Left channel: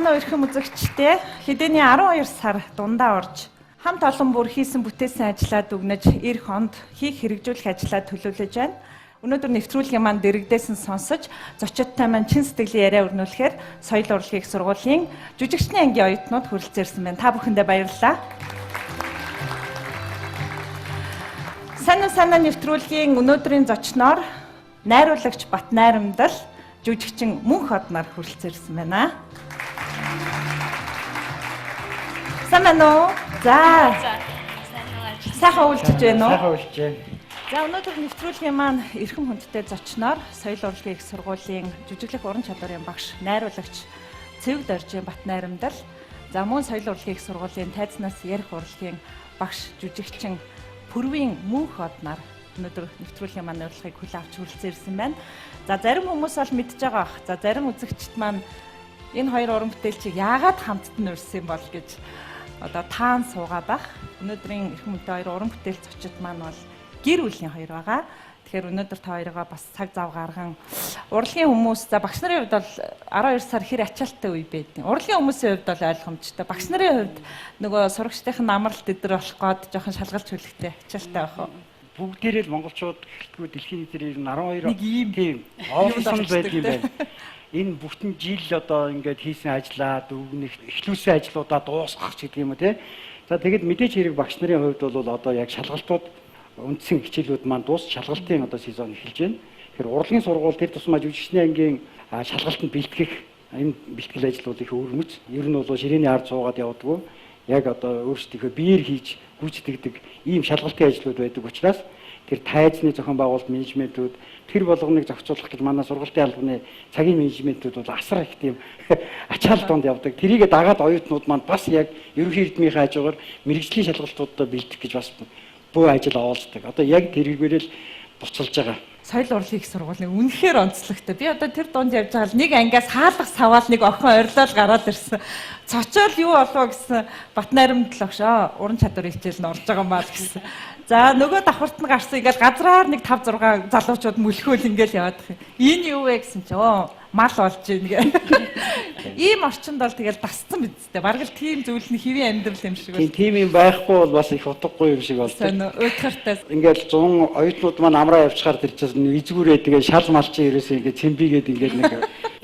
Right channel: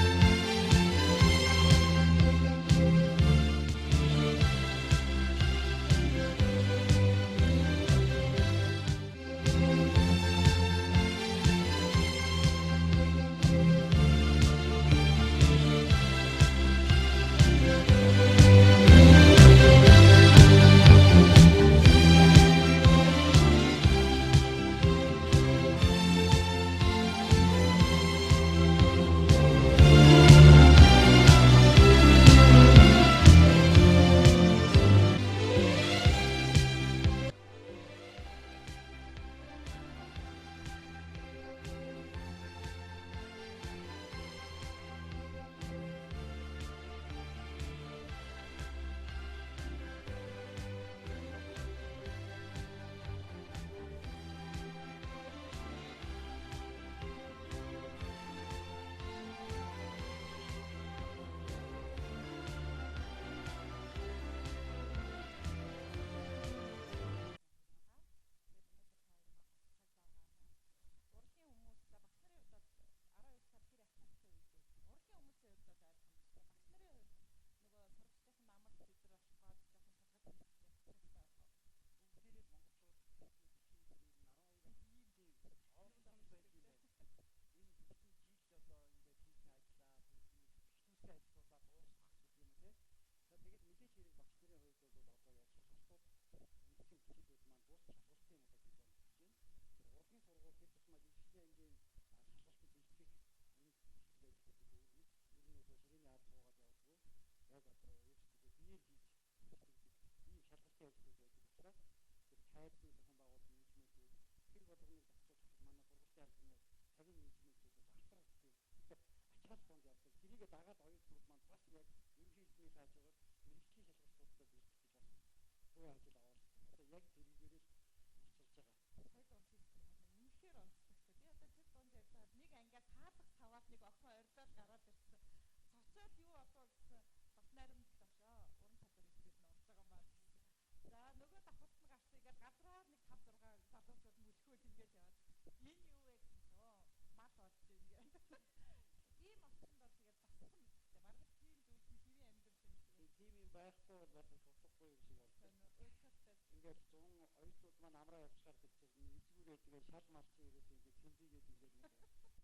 манай өрхөн үзэгчтэй хэдийний 12 сар дундаа орж хамт олон бүр хийсэн бүтээсэн ажлаа дүгнэж эх хонд хийх хэрэгжүүлэх ажлаа төлөвлөж байна. Өнөөдөр нэвтрүүлгийн маань дэрэгдээсэн сонсож зочидтой маань чин сэтгэлийн яриа өрнүүлэхээр соёл урлагийн их сургуулийн жүжигчдийн ангийн оюутнууд хүрэлцээрсэн байна. Та бүхэндээ баярлалаа. Санаа нэвтрүүлгийн өнөөдрийн зочноор найруулагч Бат Найрамдал, жүжигчин Мөнх Ордноор хүрэлцээрсэн байна. Сайн уу? За. Сайхан үйлчилж байна уу? Сайхан үйлчилж байна. За өнөөдөр нэвтрүүлгийн маань эрхэм хүндтэй зочноор соёл урлагийн их сургуулийн жүжиглэх уран чадварын багш, найруулагч Цэвэг Доржийн Бат Найрамдал, за мөн соёл урлагийн их сургуулийн тайзнаас ярих урлагийн багш, жүжигчин Пүрвийн Мөнх Ордноор өнөөдөр нэвтрүүлгийн маань урилгыг хүлээн авч хүрэлцээрсэн байна. За зарим хүмүүс бол мэдж байгаа бах. За зарим үзэгчд маань энэ хоёр уран бүтээлчийг яагаад хамтд нь урьсан бол гэж одоо таан суугаад бах. Өнөөдрийн эрхэм хүнтэй хоёр уран бүтээл зочид маань бол гэр бүлийн хоёр байгаа. Тэгэхээр өнөөдөр та хоёроо бас цаг зав гарган урлагийн хүмүүс, за багш нарын хувьд бол 12 сар хэр ачаалттай үе байдیں۔ Урлагийн хүмүүсийн хувьд бол ойлгомжтой. Багш нарын хувьд нөгөө сурагчдын амралт өдр болох гээд жоохон шалгалж хүлэхтэй ачаалттай байх уу? Бүгдээрээ л монголчууд гэлтгүй дэлхийн нийтээр 12 тийм офисон байдаг юм байна. Энэ бүтэн жил одоо ингээд хийсэн ажлаа дүгнэх, эхлүүлсэн ажлуудаа дуусгах гэдэг юм уу те. За тэгэд мэдээж хэрэг багш нарын хувьд бол одоо яг шалгалтууд үндсэн хичээлүүд маань дуус шалгалтын одоо сезон эхэлж байна. Тэгэхээр урлагийн сургууль тэр тусмаа жүжигчдийн ангийн шалгалтанд бэлтгэх энэ бэлтгэл ажлууд их өрмөц. Ер нь бол ширээний ард суугаад явдаггүй. Яг одоо өөрсдийнхөө биеэр хийж гүйцэтгэдэг ийм шалгалтын ажлууд байдаг учраас тэр тайзны зохион байгуулалт менежментүүд тэр болгоныг зохицуулах гэж манай сургалтын албаны цагийн менежментүүд бол асар их тийм ачаал донд явдаг. Тэрийг дагаад оюутнууд маань бас яг ерөнхий эрдмийн хажуугаар мэрэгжлийн шалгалтуудаа бэлдэх гэж бас буу ажил овоолцдог. Одоо яг тэрийгээрээ л буцалж байгаа. Соёл урлагийн их сургуулийн үнэхээр онцлогтой. Би одоо тэр дунд явж байгаа л нэг ангиас хаалга саваал нэг охин орилол гараад ирсэн. Цочоол юу болов гэсэн Бат Найрамдал огшоо уран чадварын хичээл нь орж байгаа маа л гэсэн. За нөгөө давхарт нь гарсан ингээл газраар нэг 5 6 залуучууд мөлхөөл ингээл яваад их. Энэ юу вэ гэсэн чи мал болж ийн гэ. Ийм орчинд бол тэгэл дасцсан бидтэй. Бараг л тийм зүйл нь хэвийн амьдрал юм шиг байна. Тийм юм байхгүй бол бас их утгагүй юм шиг болдог. Сайн уйтгартай. Ингээл 100 оюутнууд маань амраа явчихаар тэр чинь эзгүүрээ тэгээ шал мал чи ерөөсөө ингээд цэмбигээд ингээд нэг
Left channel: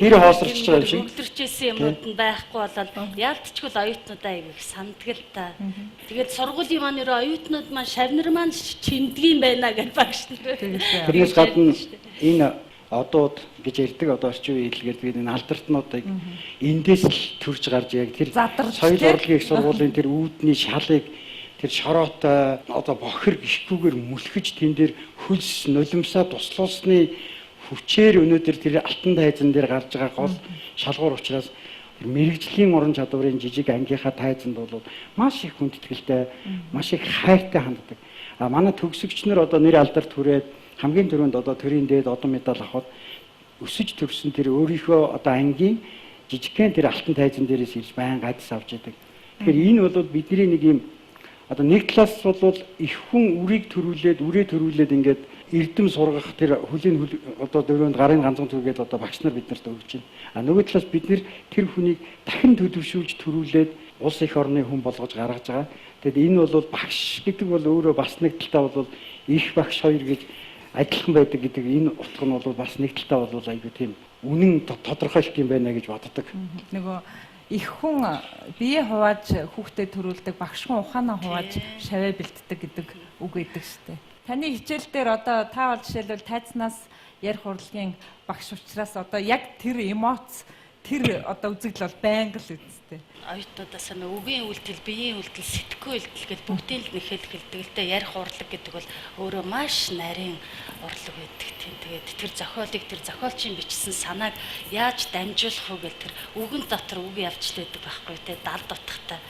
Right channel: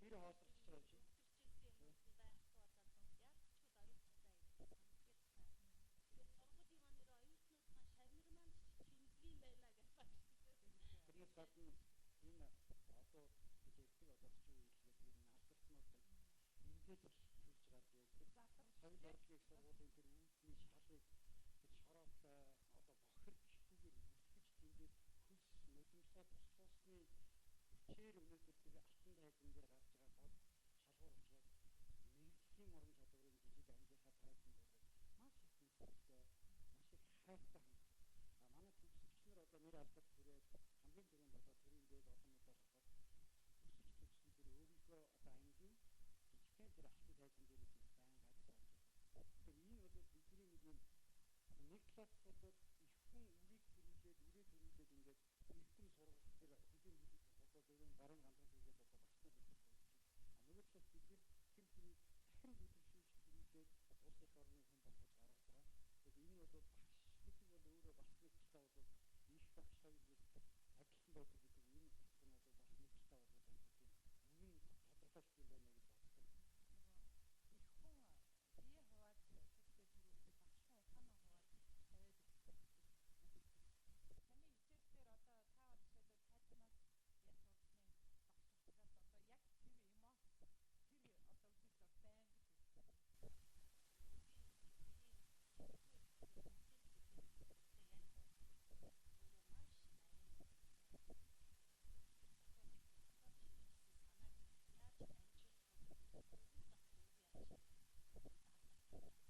гэр хоосорч байгаа юм шиг. Өвдөрчээсэн юмуд нь байхгүй болоод яалтчгүй оюутнуудаа их санддаг л та. Тэгээд сургуулийн маань ерөө оюутнууд маань шавнар маань чиндгийм байна гэж багш нар. Тэрнээс гадна энэ одууд гэж ярьдаг одоо орчин үеийн хэлгээд бид энэ алдартнуудыг эндээс л төрж гарч яг тэр соёл урлагийн их сургуулийн тэр үүдний шалыг тэр шороотой одоо бохир гიშгүүгээр мүлхэж тэн дээр хөлс нулимсаа туслуулсны хүчээр өнөөдөр тэр алтан тайзан дээр гарч байгаа гол шалгуур учраас мэрэгжлийн уран чадварын жижиг ангийнхаа тайзанд бол маш их хүндэтгэлтэй, маш их хайртай ханддаг. А манай төгсөгч нар одоо нэр алдарт хүрээд хамгийн түрүүнд одоо төрийн дээд одон медаль авахд өсөж төгсөн тэр өөрийнхөө одоо ангийн жижигхэн тэр алтан тайзан дээрээс ирж байнга адис авч яадаг. Тэгэхээр энэ бол бидний нэг юм одоо нэг талаас бол их хүн үрийг төрүүлээд ингээд эрдэм сургах тэр хөлийн одоо дөрөнд гарын ганцхан түргээд одоо багш нар бид нарт өгч байна. А нөгөө талаас бид нэр тэр хүнийг дахин төдөвшүүлж төрүүлээд улс их орны хүн болгож гаргаж байгаа. Тэгэд энэ бол багш гэдэг бол өөрөө бас нэг талтаа бол их багш хоёр гэж адилхан байдаг гэдэг энэ утга нь бол бас нэг талтаа бол айгүй тийм үнэн тодорхойлт юм байна гэж боддог. Нөгөө их хүн бие хувааж хүүхдэд төрүүлдэг, багш хүн ухаанаа хувааж шаваа бэлддэг гэдэг үг өгдөг штеп. Таны хичээл дээр одоо та бол жишээлбэл тайзнаас ярих урлагийн багш учраас одоо яг тэр эмоц, тэр одоо үзэгдэл бол байнга л үсттэй. Оюутнуудаас нь үгийн үйлдэл, биеийн үйлдэл, сэтгүү үйлдэл гэдэг бүгдийг л нэхэд гэлдэг л дээ. Ярих урлаг гэдэг бол өөрөө маш нарийн урлаг байдаг тийм. Тэгээд тэр зохиолыг тэр зохиолчийн бичсэн санааг яаж дамжуулах вэ гэл тэр үгэн дотор үг явж л байдаг байхгүй тий. Дал дутхтай.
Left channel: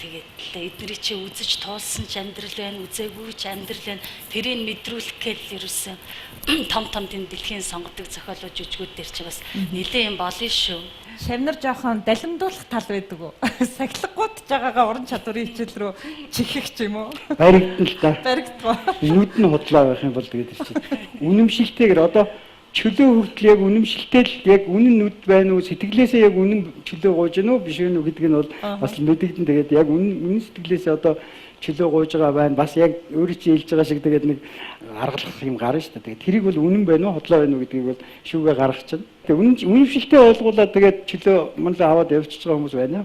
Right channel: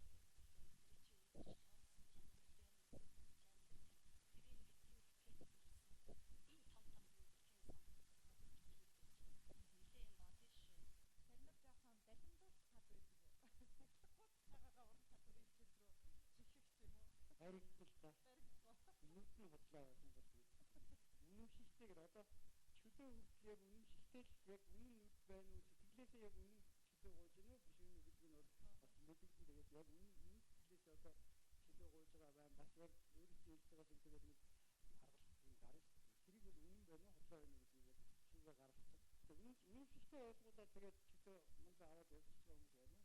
Тэгээд эдний чи үзэж туулсан ч амьдрал байна, үзээгүй ч амьдрал байна. Тэрийг мэдрүүлэх гээл ерөөсөн том тийм дэлхийн сонгодог зохиолууд жүжигүүд дээр чи бас нэлээд юм болно шүү. Шавнар жоохон далимдуулах тал байдаг уу? Сахилгагууд жагаагаа уран чадварын хичээл рүү чихэх ч юм уу? Баригдана л та. Баригдгаа. Нүд нь худлаа байх юм бол тэгээд чинь. Үнэмшилтэйгээр одоо чөлөө хүртэл яг үнэмшилтэй л яг үнэн нүд байна уу, сэтгэлээсээ яг үнэн чөлөө гуйж гэнэ үү биш үү гэдг нь бол бас мэдэгдэн. Тэгээд яг үнэн сэтгэлээсээ одоо чөлөө гуйж байгаа байна. Бас яг өөрөө чи хэлж байгаа шиг тэгээд нэг аргалах юм гарна шүү дээ. Тэгээд тэрийг бол үнэн байна уу, хотлоо байна уу гэдгийг бол шүүгээ гаргах чинь. Тэгээд үнэмшилтэй ойлгуулаад тэгээд чөлөө манлаа аваад явчихж байгаа хүмүүс байна.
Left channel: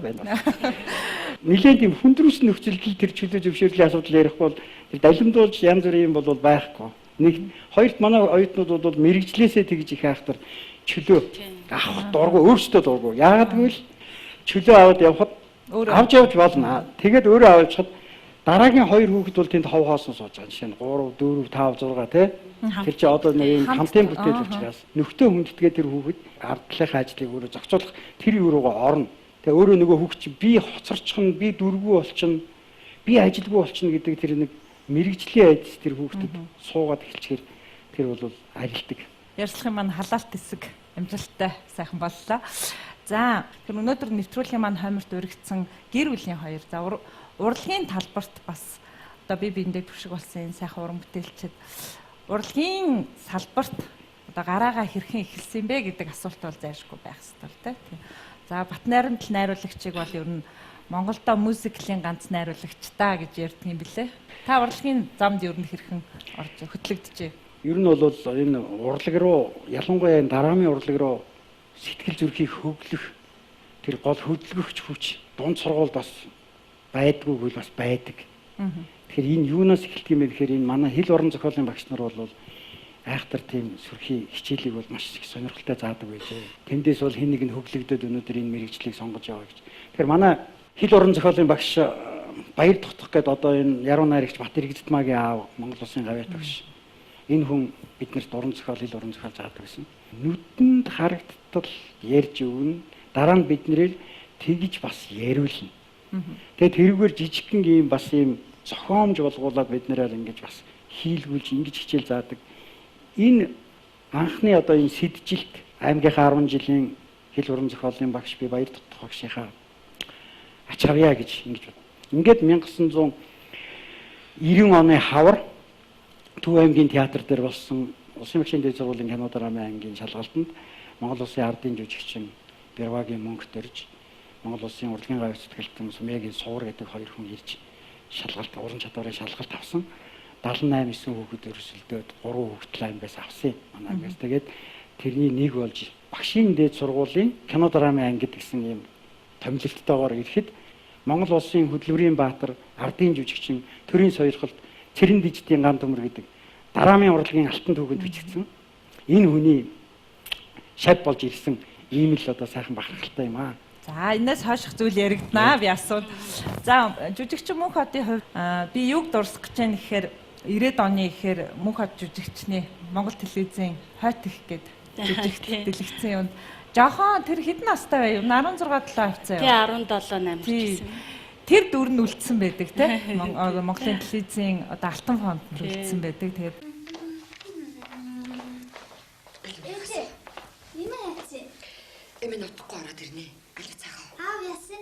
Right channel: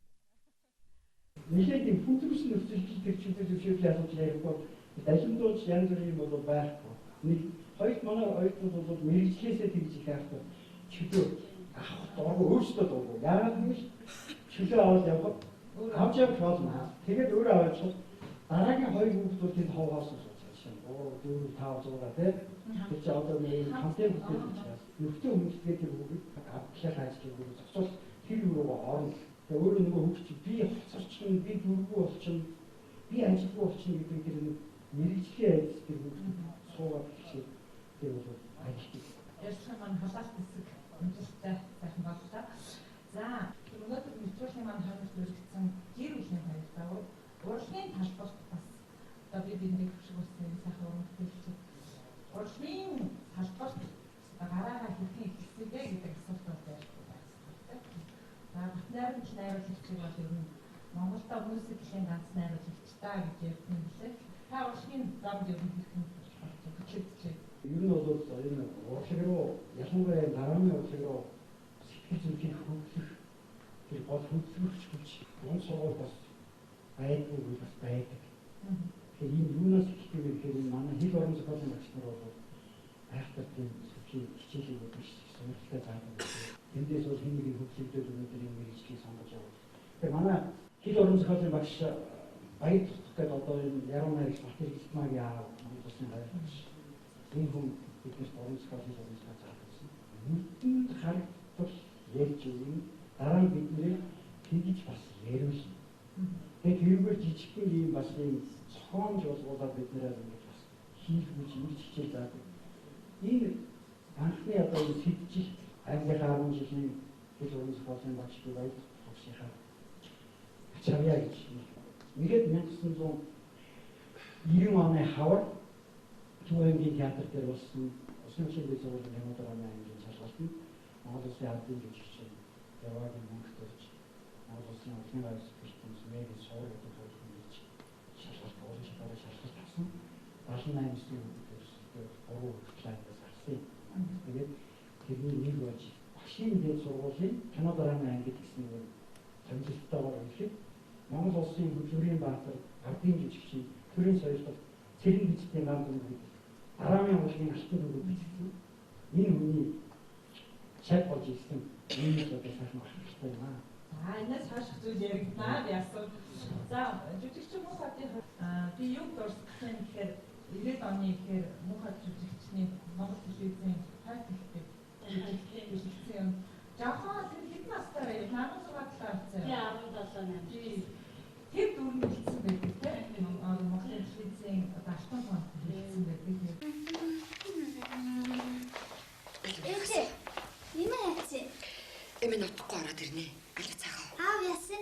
Нилээн тийм хүндрүүлсэн нөхцөлд тэр чөлөө зөвшөөрлийн асуудал ярихгүй бол тэр далимдуулж янз бүрийн юм бол байхгүй. Нэг хоёрт манай оюутнууд бол мэрэгчлээсээ тэгж их айхтар чөлөө авах дургу өөрсдөө дургу. Яагаад гэвэл чөлөө аваад явхад авч явж болно. Тэгээд өөрөө авчихад дараагийн хоёр хүүхэд бол тэнд хов хоосон сууж байгаа. Жишээ нь 3, 4, 5, 6 тий. Тэр чи одоо нэг юм хамтын бүтээл учраас нөхтөө хүндэтгээ тэр хүүхэд ард талынхаа ажлыг өөрөө зохицуулах тэр юу руугаа орно. Тэгээ өөрөө нөгөө хүүхд чи би хоцорчихно, би дүргүү болчихно, би ажилгүй болчихно гэдэг тэр нэг мэрэгжлийн айдас тэр хүүхдэд суугаад эхэлчихээр тэр бол ажилтдаг. Ярьслахын маань халаалт хэсэг амжилттай сайхан боллоо. За тэр өнөөдөр нэвтрүүлгийн маань хойморт өргөцсөн гэр бүлийн хоёр. За урлагийн талбарт бас одоо биендээ түвшиг болсон энэ сайхан уран бүтээлчд урлагийн салбарт одоо гараагаа хэрхэн эхэлсэн бэ гэдэг асуулт бол зайлшгүй байх ёстой тийм. За Батнайрамд найруулагчийг бол ер нь Монголдо мюзиклийн ганц найруулагч та гэж ярьдаг юм билээ. Та урлагийн замд ер нь хэрхэн орж хөтлөгдөж? Ер нь бол энэ урлаг руу ялангуяа энэ дараамын урлаг руу сэтгэл зүрхийг хөглөх тэр гол хөдөлгөгч хүч дунд сургууль бас байдгүй бол бас байдаг. Тэгэхээр энэ юунаас эхэлдэг юм бэ гэхээр энэ манай хэл уран зохиолын багш нар бол айхтар тийм сүрхий хичээлийг бол маш их сонирхолтой заадаг байлээ. Тэндээс бол хэн нэг нь хөглөгдөд өнөөдөр энэ мэрэгчлийг сонгож яваа гэж. Тэгэхээр манай хэл уран зохиолын багш Баяр Тогтох гэдэг одоо энэ яруу найрагч Батэр Гидтмагийн аав Монгол Улсын гавьяа багш. Энэ хүн биднэрт уран зохиол хэл уран зохиол заадаг гэсэн. Нүдэнд харагдтал ярьж өгнө. Дараа нь биднэрээр тэгж бас яриулна. Тэгээд тэрүүгээр жижигхэн ийм бас ийм зохиомж болгуулад биднэрээр ингэж бас хийлгүүлж ингэж хичээл заадаг. Энэ анхны одоо энэ сэджилт аймгийнхаа 10 жилийн хэл уран зохиолын багш би Баяр Тогтох багшийнхаа ачаавья гэж ингэж бод. Ингээд 1990 оны хавар Төв аймгийн театр дээр болсон Улсын багшийн дээд сургуулийн кино драмын аймгийн шалгалтанд Монгол Улсын ардын жүжигчин Бервагийн мөнгө төрж Монгол Улсын урлагийн гавь сэтгэлтэн Сумягийн суур гэдэг хоёр хүн ирж шалгалт уран чадварын шалгалт авсан. 78-9 хүүхэд өрсөлдөөд 3 хүүхэд аймгаас авсан манайгаас. Тэгээд тэрний нэг болж багшийн дээд сургуулийн кино драмын анги гэсэн юм томилолттойгоор ирэхэд Монгол Улсын хөдөлмөрийн баатар, ардын жүжигчин, төрийн соёлхолд Цэрэн Диждийн ган төмөр гэдэг дараамын урлагийн алтан түүхэнд бичигдсэн. Энэ хүний шав болж ирсэн ийм л одоо сайхан бахархалтай юм аа. За энэс хойших зүйл яригднаа би асууд. За жүжигчин Мөнх хотын хувьд би юг дурсах гэж байна гэхээр 90-ад оны ихээр Мөнх хот жүжигчний Монгол телевизийн хойт их гээд жүжигт дэлгэцсэн юм. Жохон тэр хэдэн настай байв? 16 7 авцаа юу? Тий 17 8 гэсэн. Тэр дүр нь үлдсэн байдаг тийм Монголын телевизийн одоо алтан фонд үлдсэн байдаг. Тэгээд Ээжээ. Юм яац? Эмээ нутахгүй ороод ирнэ. Алив цаахаа. Аав яасан?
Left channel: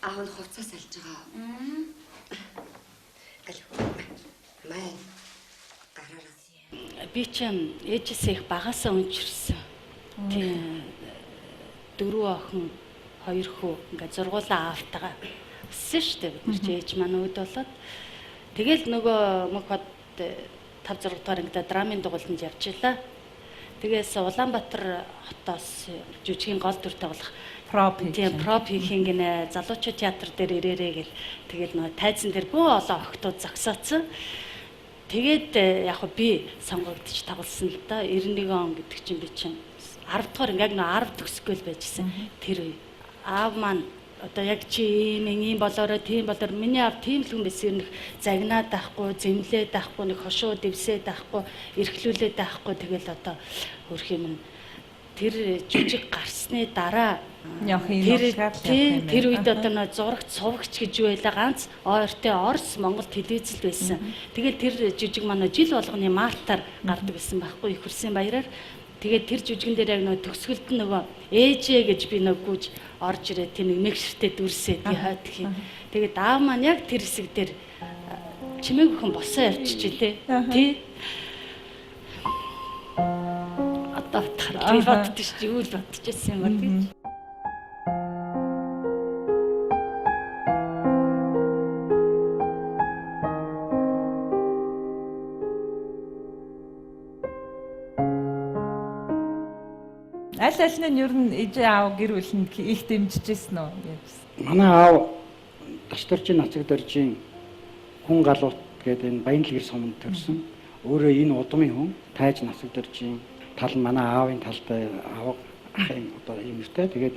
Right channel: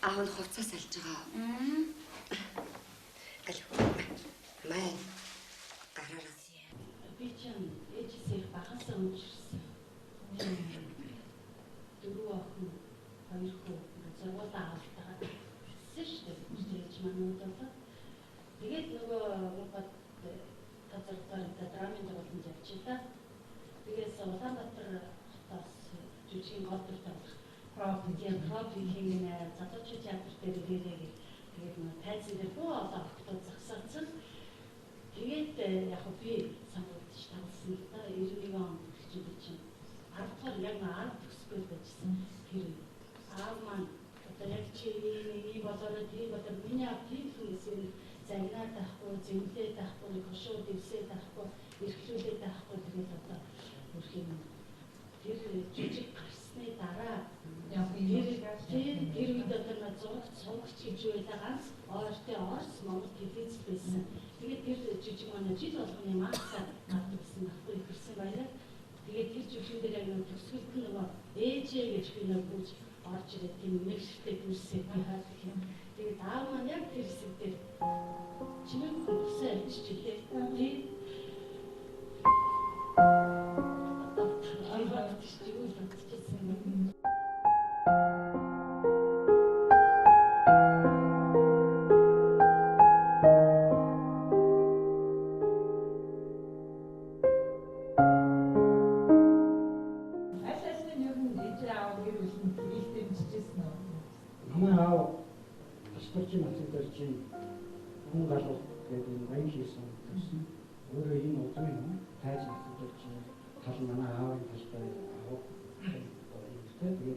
Аав нь хувцас алж байгаа. Алив. Май. Гараараа. Би ч ээжээсээ их багасаа унжирсан. Тийм 4 охин 2 хүү ингээд зургуулаа аавтайгаа өссөн шүү дээ. Бид ээж маань үүд болоод тэгэл нөгөө Мөнх хот 5 6 дахь ангид драмын дугуйланд явж илаа. Тэгээс Улаанбаатар хотоос жүжигийн гол дүртэй болох проп хийхин гинэ залуучууд театр дээр ирээрээ гэл тэгэл нөгөө тайзан дээр бүх олон охтууд зогсооцсон. Тэгээд яг би сонгогдож тоглосон л да 91 он гэдэг чинь би чинь 10 дахь ингээд нөө 10 төгсгөл байжсэн. Тэр үе аав маань одоо яг чи ийм болоорой тийм болоор миний аав тийм л хүн байсан нэг загнаад байхгүй, зэмлээд байхгүй, нэг хошуу дэвсээд байхгүй, эрхлүүлээд байхгүй тэгэл одоо хөрх юм. Тэр жижиг гарсны дараа тэр үед одоо нөө зурагт сувагч гэж юу байлаа ганц ойртой Орос Монгол телевизэл байсан. Тэгээд тэр жижиг манай жил болгоны мартаар гардаг байсан байхгүй их хөрсөн баяраар. Тэгээд тэр жүжигэн дээр яг нөгөө төгсгөлд нөгөө ээжээ гэж би нөгөө гүйж орж ирээ тэр нэг мэгшртэй дүрсээ би хаад гэх юм. Тэгээд аав маань яг тэр хэсэг дээр чимээг бүхэн босоо явчих чи тий. бодохоор би боддоо шүү юу л бодчихсон юм бол гэж. Аль нь ер нь ээж аав гэр бүлэнд их дэмжижсэн үү гэж. Манай аав Дашторжийн нацаг дөржийн хүн галуут гэдэг энэ Баянлгэр суманд төрсөн. Өөрөө энэ удмын хүн тайж нацаг дөржийн тал нь манай аавын талтай аав ахын одоо юм өстэй. Тэгээд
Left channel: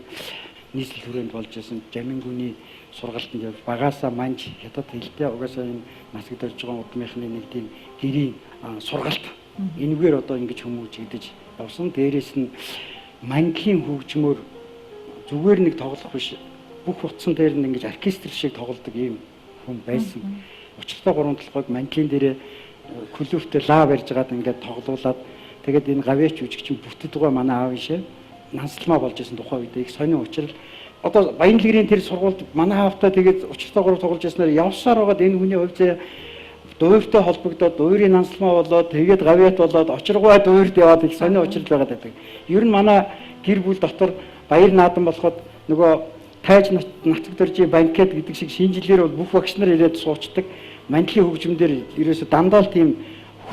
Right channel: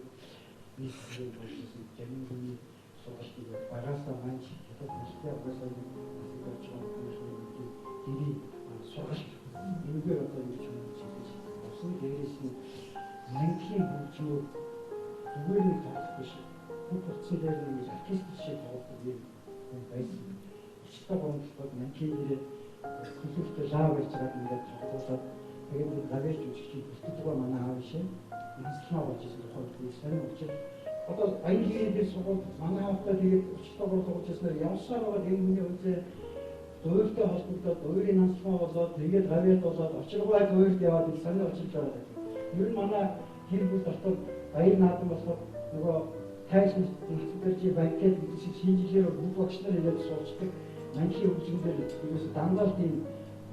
нийслэл хүрээнд болж исэн Жамингүний сургалтанд явж багаасаа манж хятад хэлтэй угаасаа энэ нацаг дөрж байгаа удмынхны нэг тийм гэрийн сургалт. Энэгээр одоо ингэж хүмүүжигдэж явсан. Дээрээс нь мангийн хөгжмөр зүгээр нэг тоглох биш. Бүх утсан дээр нь ингэж оркестр шиг тоглодог ийм хүн байсан. Учиртай гурван толгойг мангийн дээрээ клүфтэй лав барьж гаад ингээд тоглуулад тэгээд энэ гавьяач үжигчин бүтэд байгаа манай аав ишээ нансалмаа болж исэн тухай үед их сонио учрал одоо Баянлгэрийн тэр сургуульд манай аавтай тэгээд учиртай гурав тоглож ирснээр явсаар байгаад энэ хүний хувьд дуурьтай холбогдоод дуурийн нансалмаа болоод тэгээд гавьяат болоод очиргуй дуурьд яваад их сонио учрал байгаад байдаг. Ер нь манай гэр бүл дотор баяр наадам болоход нөгөө тайж нацаг дөржийн банкет гэдэг шиг шинжилгээр бол бүх багш нар ирээд суучдаг. Мандлын хөгжмөөр ерөөсө дандаа л тийм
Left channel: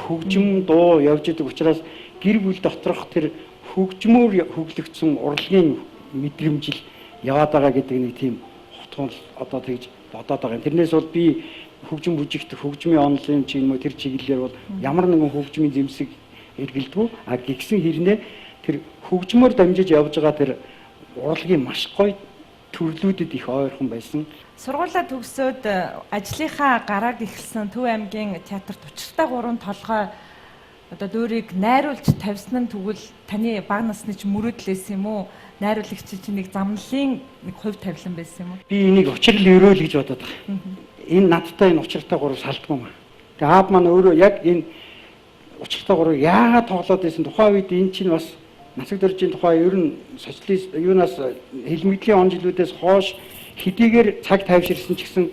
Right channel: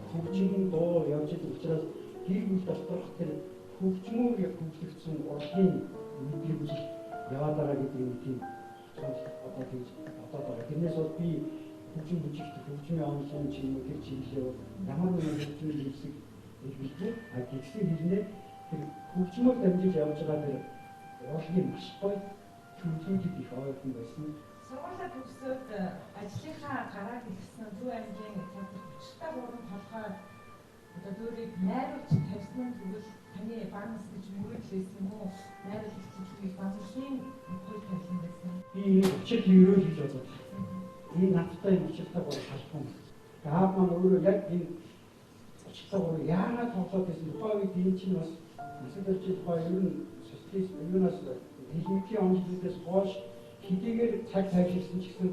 хөгжим дуу явж идэг учраас гэр бүл доторх тэр хөгжмөөр хөглөгдсөн урлагийн мэдрэмжил яваад байгаа гэдэг нэг тийм хотгол одоо тэгж бодоод байгаа. Тэрнээс бол би хөгжим бүжигт хөгжмийн онлын ч юм уу тэр чиглэлээр бол ямар нэгэн хөгжмийн зэмсэг эргэлдэггүй. А гисэн хэрнээ тэр хөгжмөөр дамжиж явж байгаа тэр урлагийн маш гоё төрлүүдэд их ойрхон байсан. Сургуулаа төгсөөд ажлынхаа гарааг эхэлсэн Төв аймгийн театрт учиртай гурван толгой одоо дуурийг найруулж тавьсан нь тэгвэл таны бага насны ч мөрөөдлөөс юм уу? Найруулагч чинь нэг замналын нэг хувь тавилан байсан юм уу? Би энийг учрал өрөөл гэж бодоод байгаа. Энэ надтай энэ учиртай гурав салтгүй маа. Тэгээ аав маань өөрөө яг энэ учиртай гурав яагаад тоглоод байсан тухайн үед энэ чинь бас нацаг дөржийн тухай ер нь социалист юунаас хэлмэгдлийн он жилүүдээс хойш хэдийгээр цаг тайвширсан ч гэсэн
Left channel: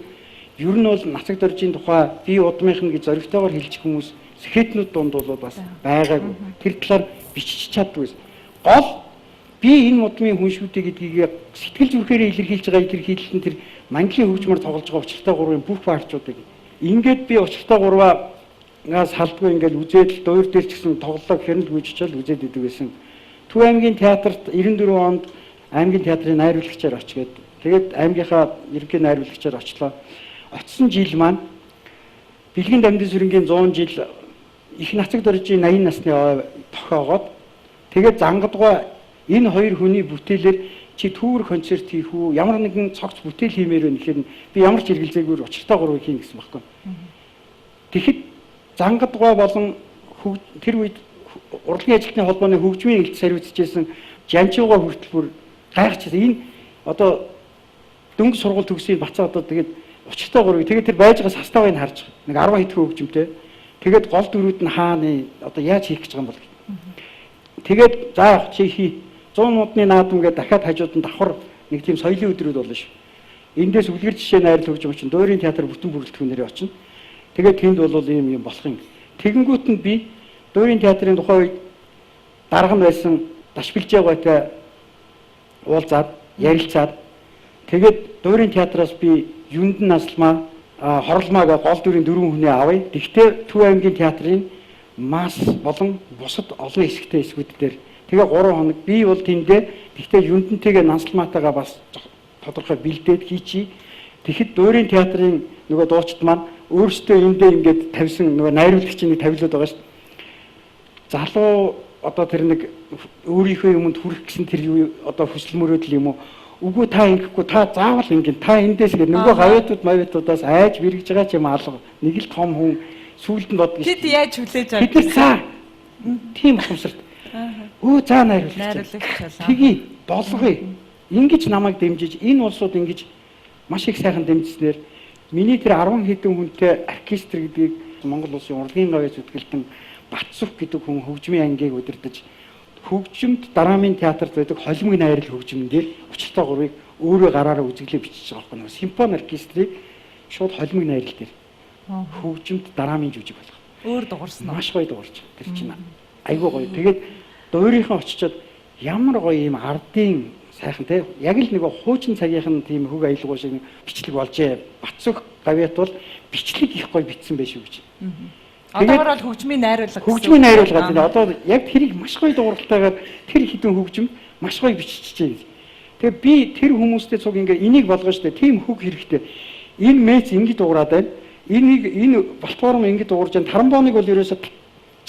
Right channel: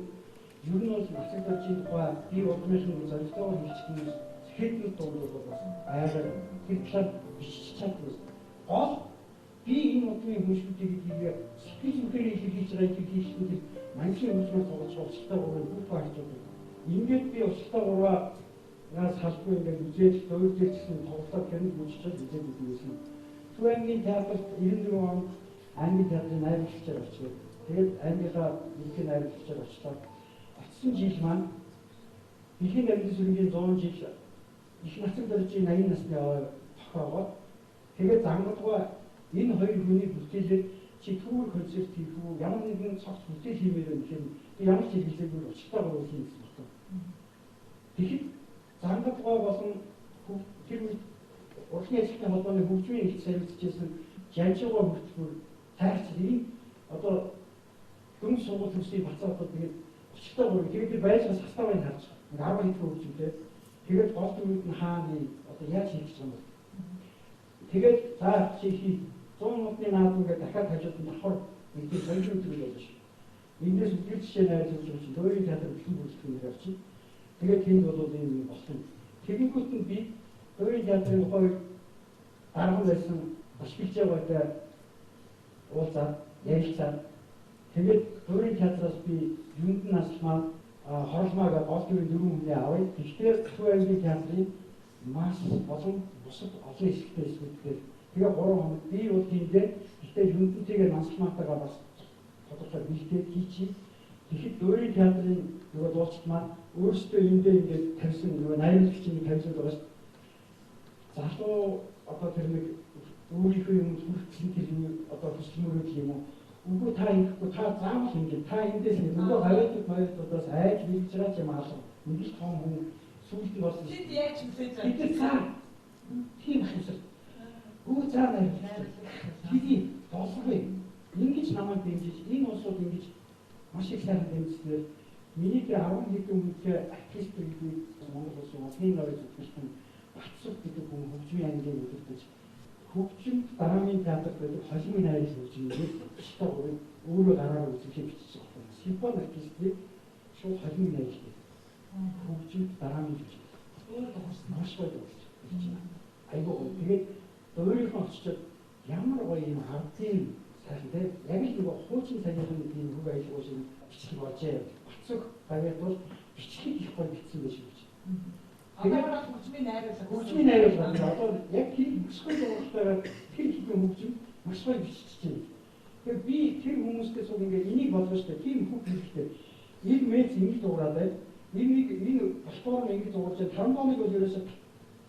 ер нь бол нацаг дөржийн тухай би удмынх нь гэж зоригтойгоор хэлчих хүмүүс сэхэтнүүд дунд бол бас байгаагүй. Тэр талаар бичиж чаддгүй. Гол би энэ удмын хүн шүү дээ гэдгийг сэтгэл зүрхээрээ илэрхийлж байгаа илэрхийлэлтэн тэр манглын хөгжмөр тоглож байгаа учиртай гурвын бүх парчуудыг ингээд би учиртай гурваас салдгүй ингээд үзээд дуурь дээр ч гэсэн тоглолоо гэхэр нь гүйжчихэл үзээд идэг байсан. Төв аймгийн театрт 94 онд аймгийн театрын найруулагчаар очгээд тэгээд аймгийнхаа ерөнхий найруулагчаар очлоо. Очсон жил маань Бэлгийн Дамдын сүрэнгийн 100 жил их нацаг дөржийн 80 насны тохиогоод тэгээд зангадгаа энэ хоёр хүний бүтээлээр чи түүр концерт хийх үү ямар нэгэн цогц бүтээл хиймээр байна гэхээр би ямар ч хэрэгэлзээгээр учиртай гурвыг хийн гэсэн баггүй. Тэгэхэд зангадгаа болон тэр үед урлагийн ажилтны холбооны хөгжмийн хэлт сарвицжсэн Жанчууга хүртэл бүр гайхчихсан. Энэ одоо дөнгө сургууль төгсөйн бацаа одоо тэгээд учиртай гурвыг тэгээд тэр байж байгаа составыг нь харж нэг 10 хэдхэн хөгжмтэй. Тэгээд гол дөрүүд нь хаана одоо яаж хийх гэж байгаа юм бол. Тэгээд за явах чи хий 100 модны наадам гэдэг дахиад хажууд нь давхар нэг тийм соёлын өдрүүд болно шүү. Эндээс үлгэр жишээ найрал хөгжим чинь дуурийн театр бүтэн бүрэлдэхүүнээр очино. Тэгээд тэнд бол ийм болох юм. Тэгэнгүүт нь би дуурийн театрын тухайн үед дарга нь байсан Дашбилжээгойтой уулзаад ярилцаад тэгээд дуурийн театраас би Юндан Насалмаа Хорлмаага гол дүрийн 4 хүнээ авъя. Тэгтээ Төв аймгийн театрын мас болон бусад олон хэсэгтэй хэсгүүд дээр тэгээ 3 хоног би бол тэндээ тэгтээ Юндантайгээ Насалмаатайгаа бас тодорхой бэлдээд хийчи. Тэгэхэд дуурийн театрын нөгөө дуучид маань өөрсдөө эндээ ингээд тавьсан нөгөө найруулагчийн нэг тавилууд байгаа шүү. Залуу одоо тэр нэг өөрийнхөө юмд хүрэх гэсэн тэр одоо хүсэл мөрөөдөл юм уу? Үгүй та ингэхгүй та заавал ингэ та эндээс ингэ нөгөө гавьяатууд мавьяатуудаас айж бэргэж байгаа ч юм алга. Нэг л том хүн сүүлд нь бодгоо. Тэд яаж хүлээж авах? Бид цаа. Тийм ухамсарт. Өө цаа найруулагч. Тгий болгоё. Ингиж намайг дэмжиж энэ улсууд ингэж маш их сайхан дэмжснээр миний тэр 10 хэдэн хүнтэй оркестр гэдгийг Монгол улсын урлагийн гавьяа зүтгэлтэн Батсүх гэдэг хүн хөгжмийн ангийг удирдах хөгжимд дараамын театрт байдаг холимог найрал хөгжмөндөр учиртай гурвыг өөрөө гараараа үзэглээ бичиж байгаа байхгүй. Симфони оркестрийг шууд холимог найрал дээр хөгжимд дараамын жүжиг болгох. Өөр дуурсан. Маш гоё дуурч. Тэр чинь айгүй гоё. Тэгээд Одоо өөрийнхөө очичоод ямар гоё юм ардын сайхан те яг л нэг хуучин цагийнхан тийм хөг аялал шиг бичлэг болжээ. Батцөх гавьяат бол бичлэг их гоё бичсэн байх шүү гэж. Одоогоор бол хөгжмийн найруулга. Хөгжмийн найруулга гэдэг. Одоо яг тэрийг маш гоё дууралтайгаар тэр хідэн хөгжим маш гоё биччихжээ. Тэгээ би тэр хүмүүстэй цуг ингээ энийг болгоно штэ. Тийм хөг хэрэгтэй. Энэ мэц ингэ дуурайд байна. Энэ платформ ингэ дуурж байна. Тарамбоныг бол ерөөсө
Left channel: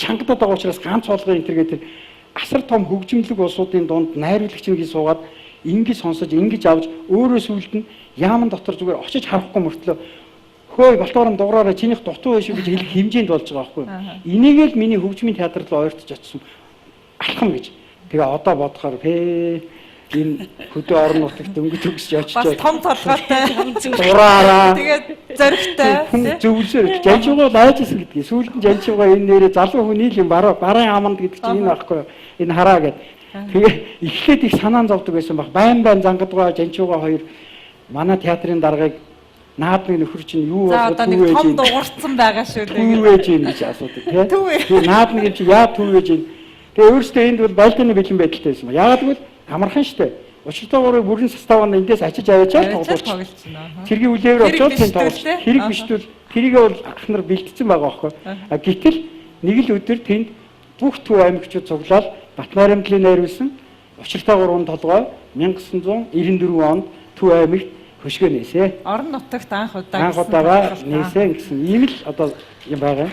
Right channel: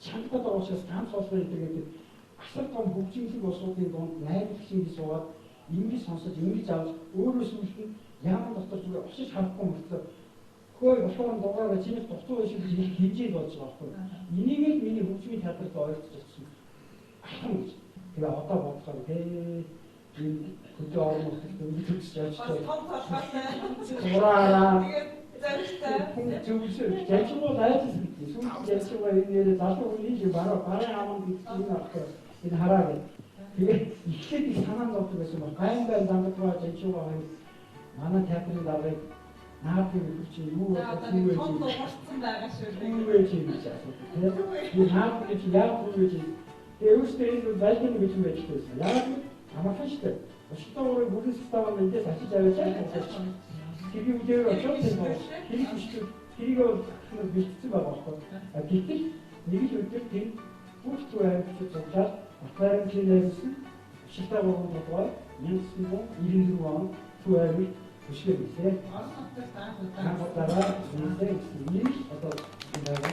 чангадаад байгаа учраас ганц болгоо энэ гэдэг асар том хөгжимлөг улсуудын дунд найруулагч нэг суугаад ингэ сонсож ингэж авч өөрөө сүлд нь яаман дотор зүгээр очиж харахгүй мөртлөө хөөе платформ дуураараа чинийх дутуу байшгүй гэж хэлэх хэмжээнд болж байгаа байхгүй. Энийг л миний хөгжмийн театрт ойртож очсон алхам гэж. Тэгээ одоо бодохоор энэ хөдөө орон нутагт өнгөж төгсөж очиж бас том толгойтой дураараа тэгээд зөрөгтэй зөвлөсөөр жанчуугаа лайжсэн гэдгийг сүүлд нь жанчуугаа энэ нэрээ залуу хүний л юм барын аманд гэдэг чинь энэ байхгүй энэ хараа гэд. Тэгээ эхлээд их санаан зовдөг байсан баг. Байн зангадгаа жанчуугаа хоёр манай театрын даргаыг наадмын нөхөр чинь юу за одоо нэг том дуурцсан байгаа шүү дээ. Түв ээж юм гэж асуудаг тийм. Тэгээ наадмын чинь яа түв ээж юм. Тэгээ өөрөөсөө энд бол балконы бэлэн байдалтай байсан. Яагаад гэвэл амархан штэ. Учиртайгаараа бүрэн составаа эндээс ачиж аваачаад тоглож. Цэргийн үлээвэр очоод тийм тоглож. Хэрэг биштэл тэрийг бол ах нар бэлдсэн байгаа байхгүй. А гэтэл нэг л өдөр тэнд бүх төв аймагчид цуглаад Батнаарамдлын найруулсан учиртайгаараа толгой 1994 онд төв аймагт хөшгөө нээсэ. Орон нутагт анх удаа нээсэн гэсэн ийм л одоо юм байгаа.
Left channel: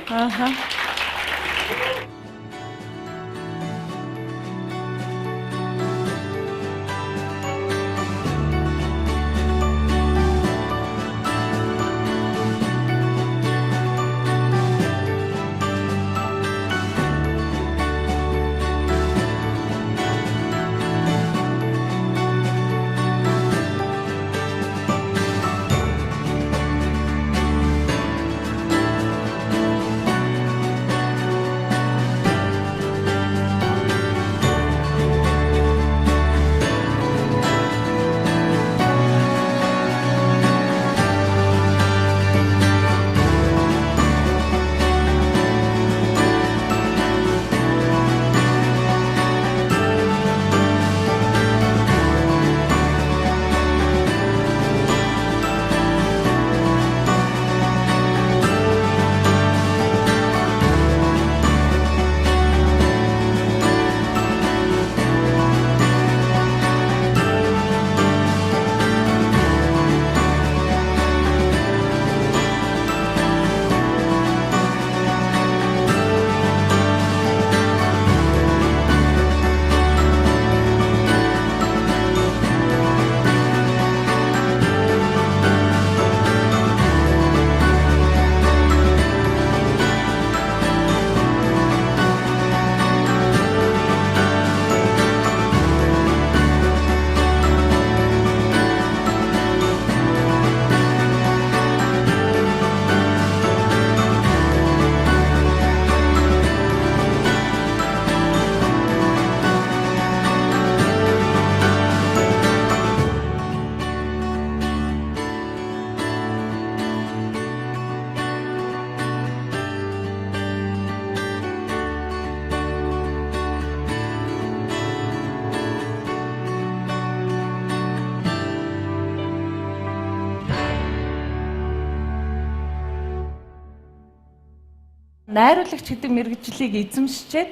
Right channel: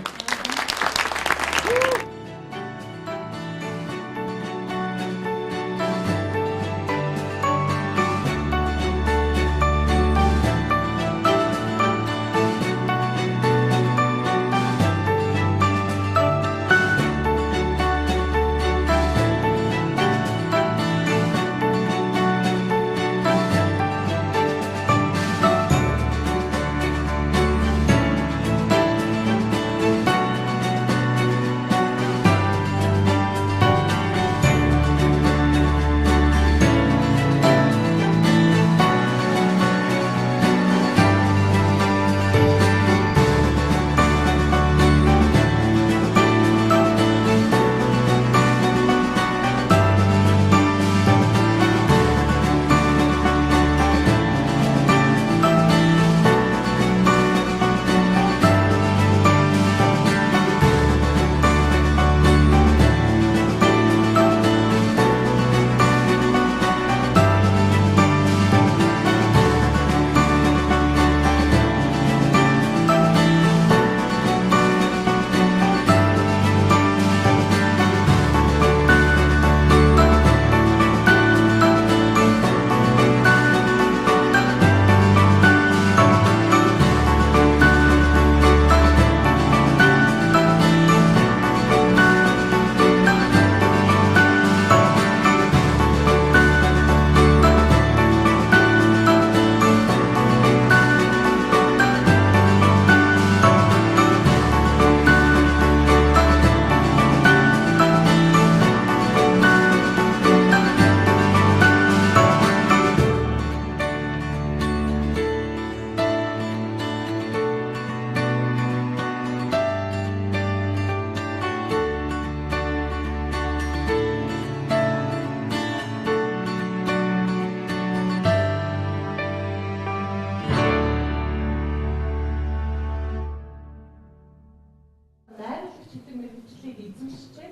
Найруулагч гэдэг мэргэжлийг эзэмшчихэд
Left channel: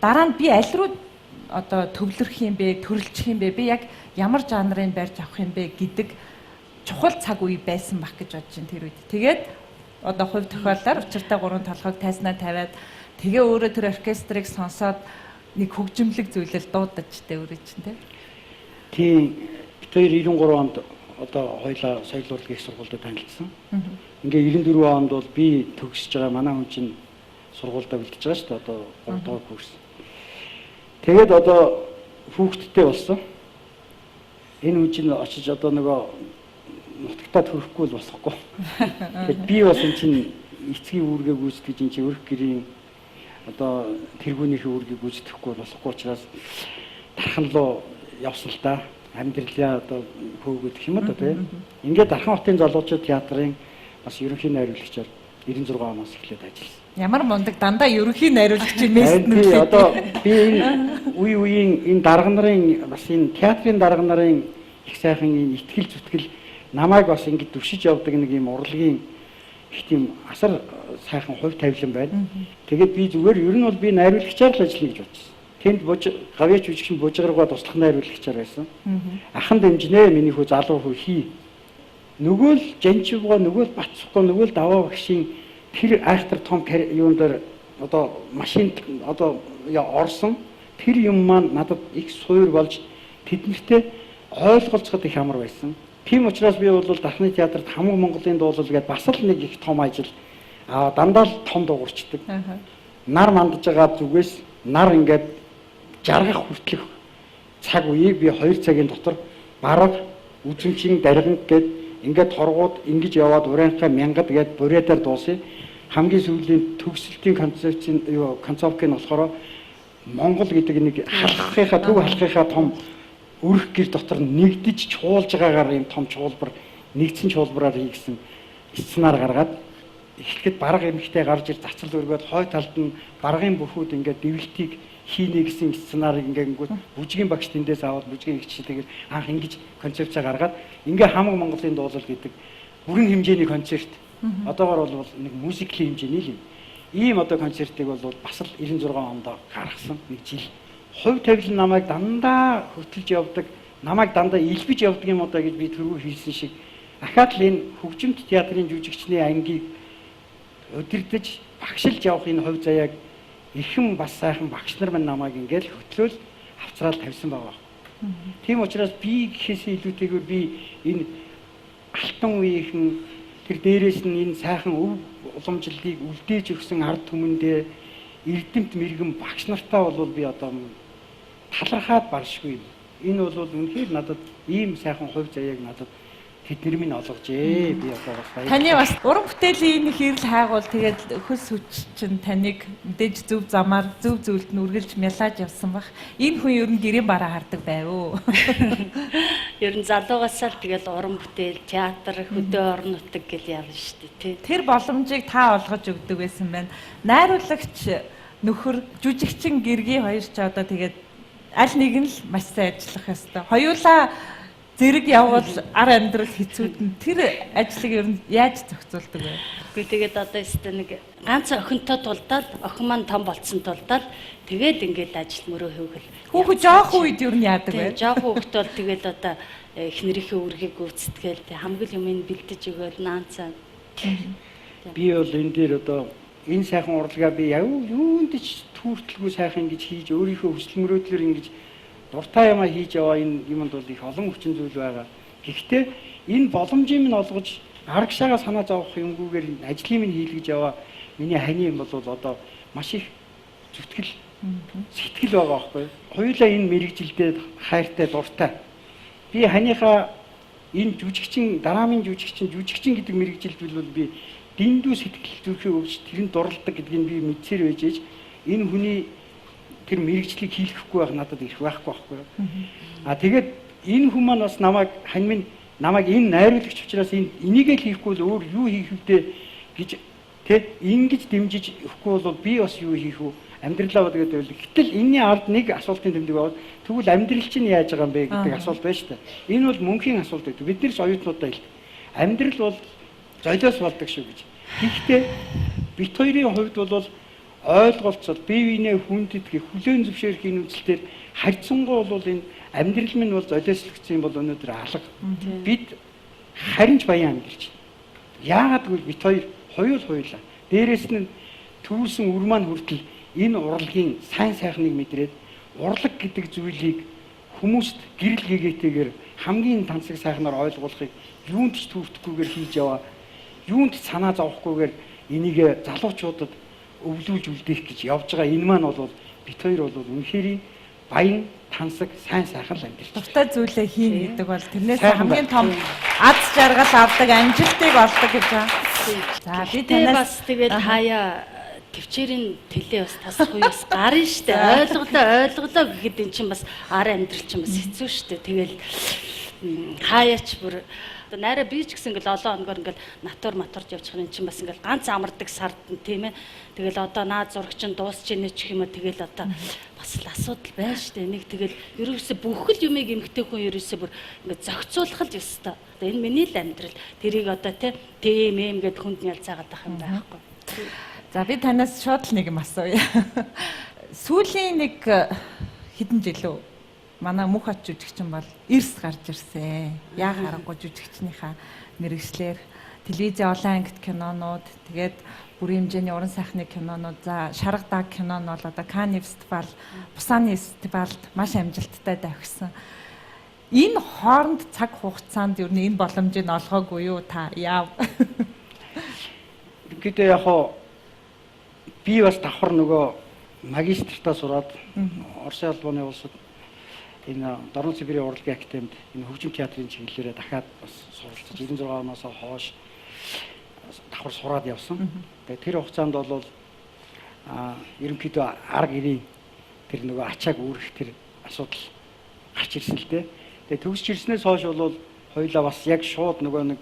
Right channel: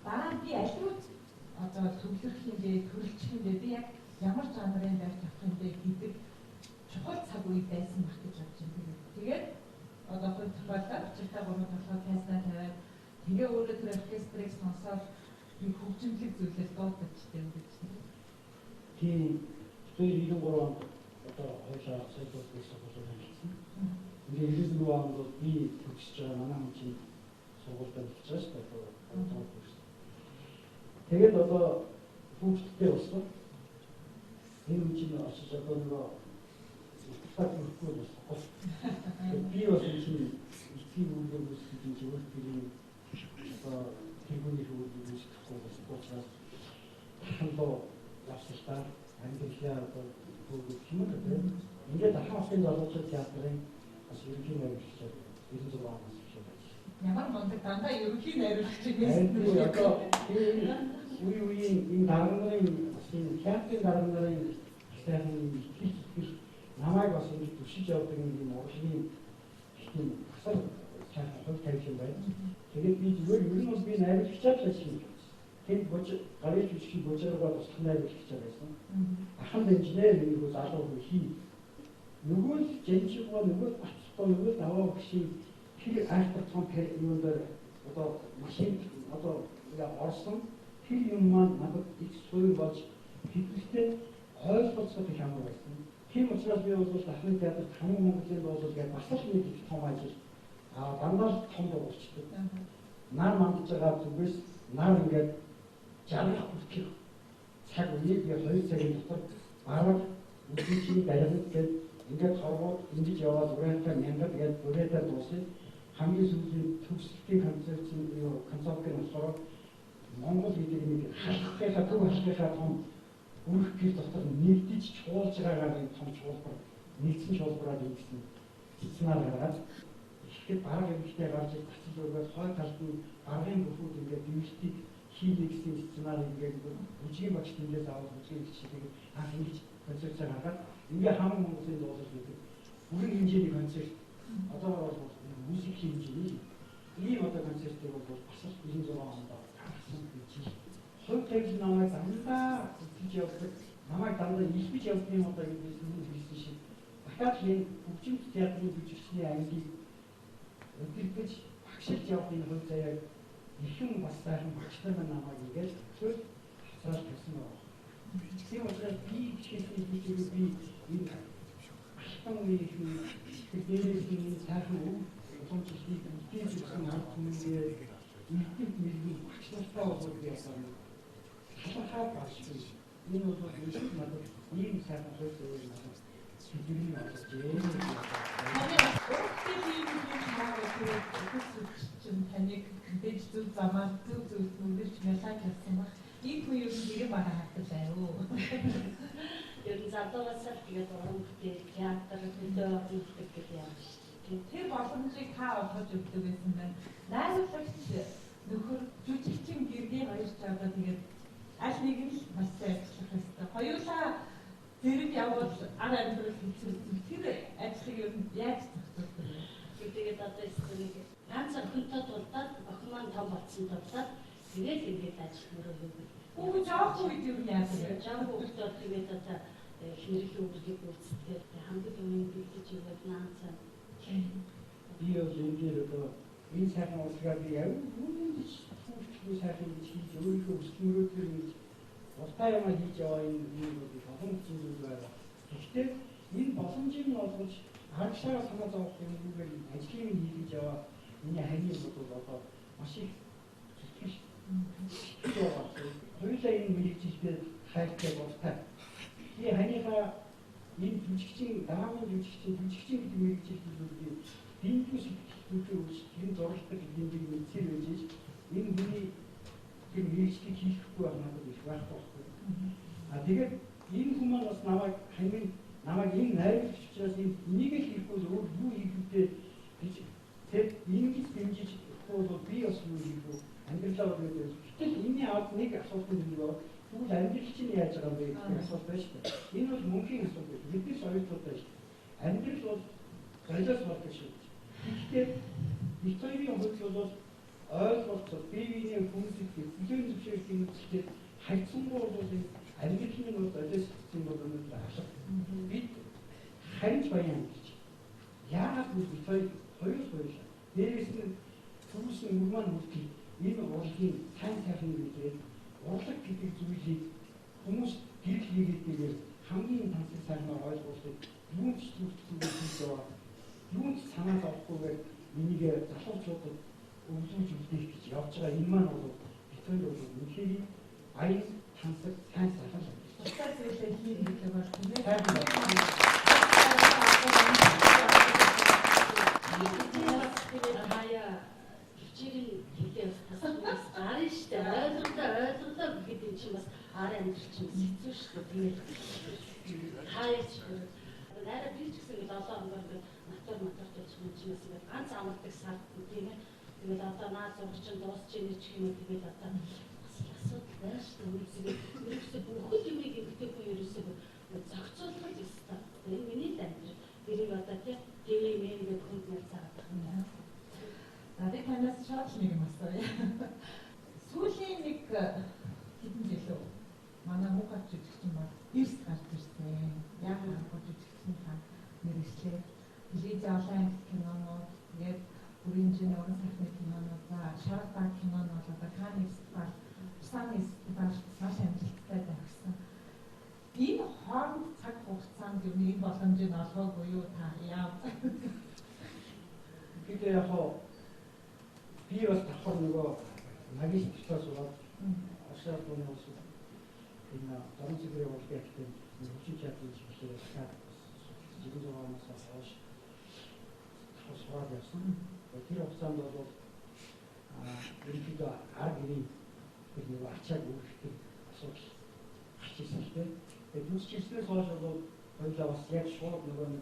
дараа нь би аль руу одоо төвлөрөх юм бэ, төрөлжих юм бэ? Би яг ямар жанрын барьж авах юм бэ гэдэг чухал цаг үе байсан баг гэж бодож байна тэр үед. Тэгээд одоо хувь тохиолдолд учиртай 3 толгойг тайснаа тавиад тэгээ өөрөө тэр оркестрыг сонсоод нэг хөгжимлэг зүйлэл дуудаж тэ өөрөө чинь тийм. Бид 93 онд одоо хоёлаа соёл урлагийн сургуульд танилцсан. Ингээ 94 онд бол би төгсөж байгаа манай хүн чинь сургуультай бэлдэж байгаа шүү дээ. Одоо 3 дахь курс. Тэгээд одоо хүүхдтэй болсон. Энэ хүн чинь очиж одоо нөгөө нутагтаа төрөхгүй л болохгүй. Тэгээд би бас энэ чинь эцгийн үүргээ гүйцэтгэж энэ чинь өрх гэрийн одоо тэргүүнийхээ үүргийг гүйцэтгэхгүй болохгүй учраас дархан руу явсан л та. Амьдралаа одоо хөөгөх юм одоо тийм. Ингээд Дархан хотын залуучууд театрын бас ерөнхий найруулагчаар 96 оноос эхлээд ажилласан. Ямар мундаг дандаа ерөнхий найруулагч юм Харин ээ. би одоо би энэ үеийн энэ дарга нарын бас энэ театрын дарга нарын их сайхан энэ итгэл зүтгэл намайг бас ингэж дүршиж явдаг нэг юм урлагийн их тийм асар сайхан хувь тавилан байна. Тэгээд би зүгээр ер нь бол би найруулагчаар л ажиллана гэж бодсон. Тэнд гавьяач үжигчин бужгаргаа туслах найруулагчаар байсан. Ахан дэмжнэ миний хүү залуу хүү хий. Нөгөө л Жанчивгаа, нөгөө л Бацхгүй, нөгөө л Даваа багшийн тэр айхтар том юун дээр одоо машинд одоо орсон тэр юм маань надад их суур болж тэднэртэй ойлголцоход их амар байсан. Тийм учраас би бол Дахны театрт хамаг Монголын дуулал гэдэг бас л нэг их том ажил дандаа л том дуурчдаг. Нар мандаж байгаа зүгээс нар ингээд жаргах хүртэлх цаг үеийг би 2 цагийн дотор бараг үзэмчин даргинг гээд ингээд торгууд ингэж яваад урайхаа мянгад гээд буруудаар дуусъя. Хамгийн сүүлийн төгсөлтийн концепт нь болохоор Монгол гэдэг нэг халахынхаа төв халахынхаа том өрх гэр дотор нэгдэж чуулж байгаагаар юм том чуулбар нэгдсэн чуулбараар хийгсэн сценаар гаргаад эхлэхэд бараг эмэгтэй гарч ир цацал өргөөд хой талд нь баргын бүхүүд ингээд дэвлэлтийг хийнэ гэсэн сценарыг ингээд бүжгийн багш тэндээс аваад бүжгийн хичээлээр анх ингэж концепцаа гаргаад ингээ хамаг Монголын дуулал гэдэг бүрэн хэмжээний концерт одоогоор бол нэг мюзиклийн хэмжээний л юм. Ийм одоо концертыг бол бас л 96 онд гаргасан нэг жил. Хувь тавилан намайг дандаа хөтлөж явдаг, намайг дандаа илбэж явдаг юм удаа гэж би түрүү хэлсэн шиг ахаад л энэ хөгжимт театрын жүжигчний ангийг удирдах, багшилж явах энэ хувь заяаг ихэн бас сайхан багш нар маань намайг ингээл хөтлөөл авцраал тавьсан байгаа. Тийм учраас би гэхээсээ илүүтэйгээр би энэ алтан үеийнхэн тэр дээрээс нь энэ сайхан уламжлалыг үлдээж өгсөн ард түмэндээ эрдэмт мэрэгэн багш нартаа бол би одоо талархаад баршгүй. Энэ бол үнэхээр надад ийм сайхан хувь заяаг надад тэднэр минь олгожээ. Би одоо Таны бас уран бүтээлийн энэ хэрэл хайгуул тэгээд хөл сүч чинь таныг мэдээж зөв замаар зөв зөвлөлд нь үргэлж мялааж явсан бах. Энэ хүн ер нь гэрийн бараа хардаг байв уу? Ер нь залуугаасаа л тэгэл уран бүтээл, театр, хөдөө орон нутаг гэл явна шүү дээ. Тэр боломжийг та олгож өгдөг байсан байна. Найруулагч нөхөр жүжигчин гэргийн хоёр ч одоо тэгээд аль нэг нь л маш сайн ажиллах ёстой. Хоёулаа зэрэг явбал ар амьдрал хэцүүдэн тэр ажлыг ер нь яаж зохицуулдаг вэ? Гэхдээ тэгээд одоо өстө нэг ганц охинтой тулдаад охин маань том болцсон тулдаад тэгээд ингээд ажил мөрөө хөвгөл. Хүүхэд жоох үед ер нь яадаг вэ? Жоох хүүхэд бол тэгээд одоо эхнэрийнхээ үргийг гүйцэтгээл хамгийн юмыг бэлдэж өгөөл наанцаа. би бол энэ дээр одоо энэ сайхан урлагаа би юунд ч түүртэлгүй сайхан ингэж хийж өөрийнхөө хүсэл мөрөөдлөөр ингэж дуртай юмаа хийж яваа энэ юмд бол их олон хүчин зүйл байгаа. Гэхдээ энэ боломжийг минь олгож арагшаага санаа зовох юмгүйгээр ажлыг минь хийлгэж яваа миний хани юм бол одоо маш их зүтгэл сэтгэл байгаа байхгүй. Хоёулаа энэ мэрэгжилдээ хайртай дуртай. Би ханыхаа энэ жүжигчин дараамын жүжигчин гэдэг мэрэгжилд бол би дэндүү сэтгэл зүрхээ өвч тэрэнд дурлдаг гэдгийг би мэдсээр байж энэ хүний тэр мэрэгжлийг хийлгэхгүй байх надад их байхгүй байхгүй. Тэгээд энэ хүн маань бас намайг энэ найруулагч учраас энийг л хийхгүй бол өөр юу хийх вдэ гэж ингэж дэмжиж өгөхгүй бол би бас юу хийх вэ? Амьдралаа гэдэг байл. Гэтэл энэний ард нэг асуултын тэмдэг байна. Тэгвэл амьдрал чинь яаж байгаа юм бэ гэдэг асуулт байна шүү дээ. Энэ бол мөнхийн асуулт байдаг. Бид нэр ч оюутнуудаа хэлдэг. Амьдрал бол золиос болдог шүү гэж. Гэхдээ бит хоёрын хувьд бол ойлголцол бие биенээ хүндэтгэх хүлээн зөвшөөрөх энэ үзэлтээр харьцангуй бол энэ амьдрал минь бол золиослогдсон юм бол өнөөдөр алга. Бид харин ч баян амьдарч байна. Яагаад гэвэл бит хоёулаа. Дээрээс нь төрүүлсэн үр маань хүртэл энэ урлагийн сайн сайхныг мэдрээд урлаг гэдэг зүйлийг хүмүүст гэрэл гэгээтэйгээр хамгийн тансаг сайхнаар ойлгуулахыг юунд ч түүртэхгүйгээр хийж яваа. Юунд ч санаа зовхгүйгээр энийг залуучуудад өвлүүлж үлдээх гэж явж байгаа. Энэ маань бол бит хоёр бол үнэхээр баян тансаг сайн сайхан л амьдарч. Дуртай зүйлээ хийн гэдэг бол тэрнээс хамгийн том аз жаргал авдаг амжилтыг олдог гэж байна. За би танаас тэгээд хаяа төвчээрийн тэлээ бас тасах үеэс гарна штэ. Ойлголоо гэхэд эн чинь бас ар амьдрал чинь бас хэцүү штэ. Тэгэл хаяач бүр одоо найраа би ч гэсэн ингээл олон оногоор ингээл натур матурж явж байгаа юм чинь бас ингээл ганц амардаг сард тийм ээ. Тэгэл одоо наад зурагч нь дуусч ийнэ ч юм уу тэгэл одоо бас л асуудал байна шүү дээ. Нэг тэгэл ерөөсөө бүхэл юмыг эмгтэй хүн ерөөсөө бүр ингээд зохицуулах л ёстой. Одоо энэ миний л амьдрал. Тэрийг одоо тийм эм гэд хүнд ялцаагаад байх юм байхгүй. За би танаас шууд л нэг юм асууя. Сүүлийн нэг хэдэн жил үү? Манай мөнх ат жүжигчин бол эрс гарч ирсэн. Яа харахгүй жүжигчнийхаа мэрэгчлэр телевизийн олон ангит кинонууд, тэгээд бүрийн хэмжээний уран сайхны кинонууд, за Шарга даг кино нь бол одоо Канны фестивал, Пусаны фестивалд маш амжилттай давхисан. Энэ хооронд цаг хугацаанд ер нь энэ боломжийг олгоогүй юу та яав? Гэхдээ яг хоо би бас давхар нөгөө магистртаа сураад Оросын албаны улсад энэ Дорн Сибирийн урлагийн академид энэ хөгжим театрын чиглэлээр дахиад бас суралцж 96 оноос хойш давхар сураад явсан. Тэгээд тэр хугацаанд бол ерөнхийдөө арга ирийн тэр нөгөө ачааг үүрэх тэр асуудал гарч ирсэн л дээ. Тэгээд төгсч ирснээс хойш бол хоёулаа бас яг шууд нөгөө нэг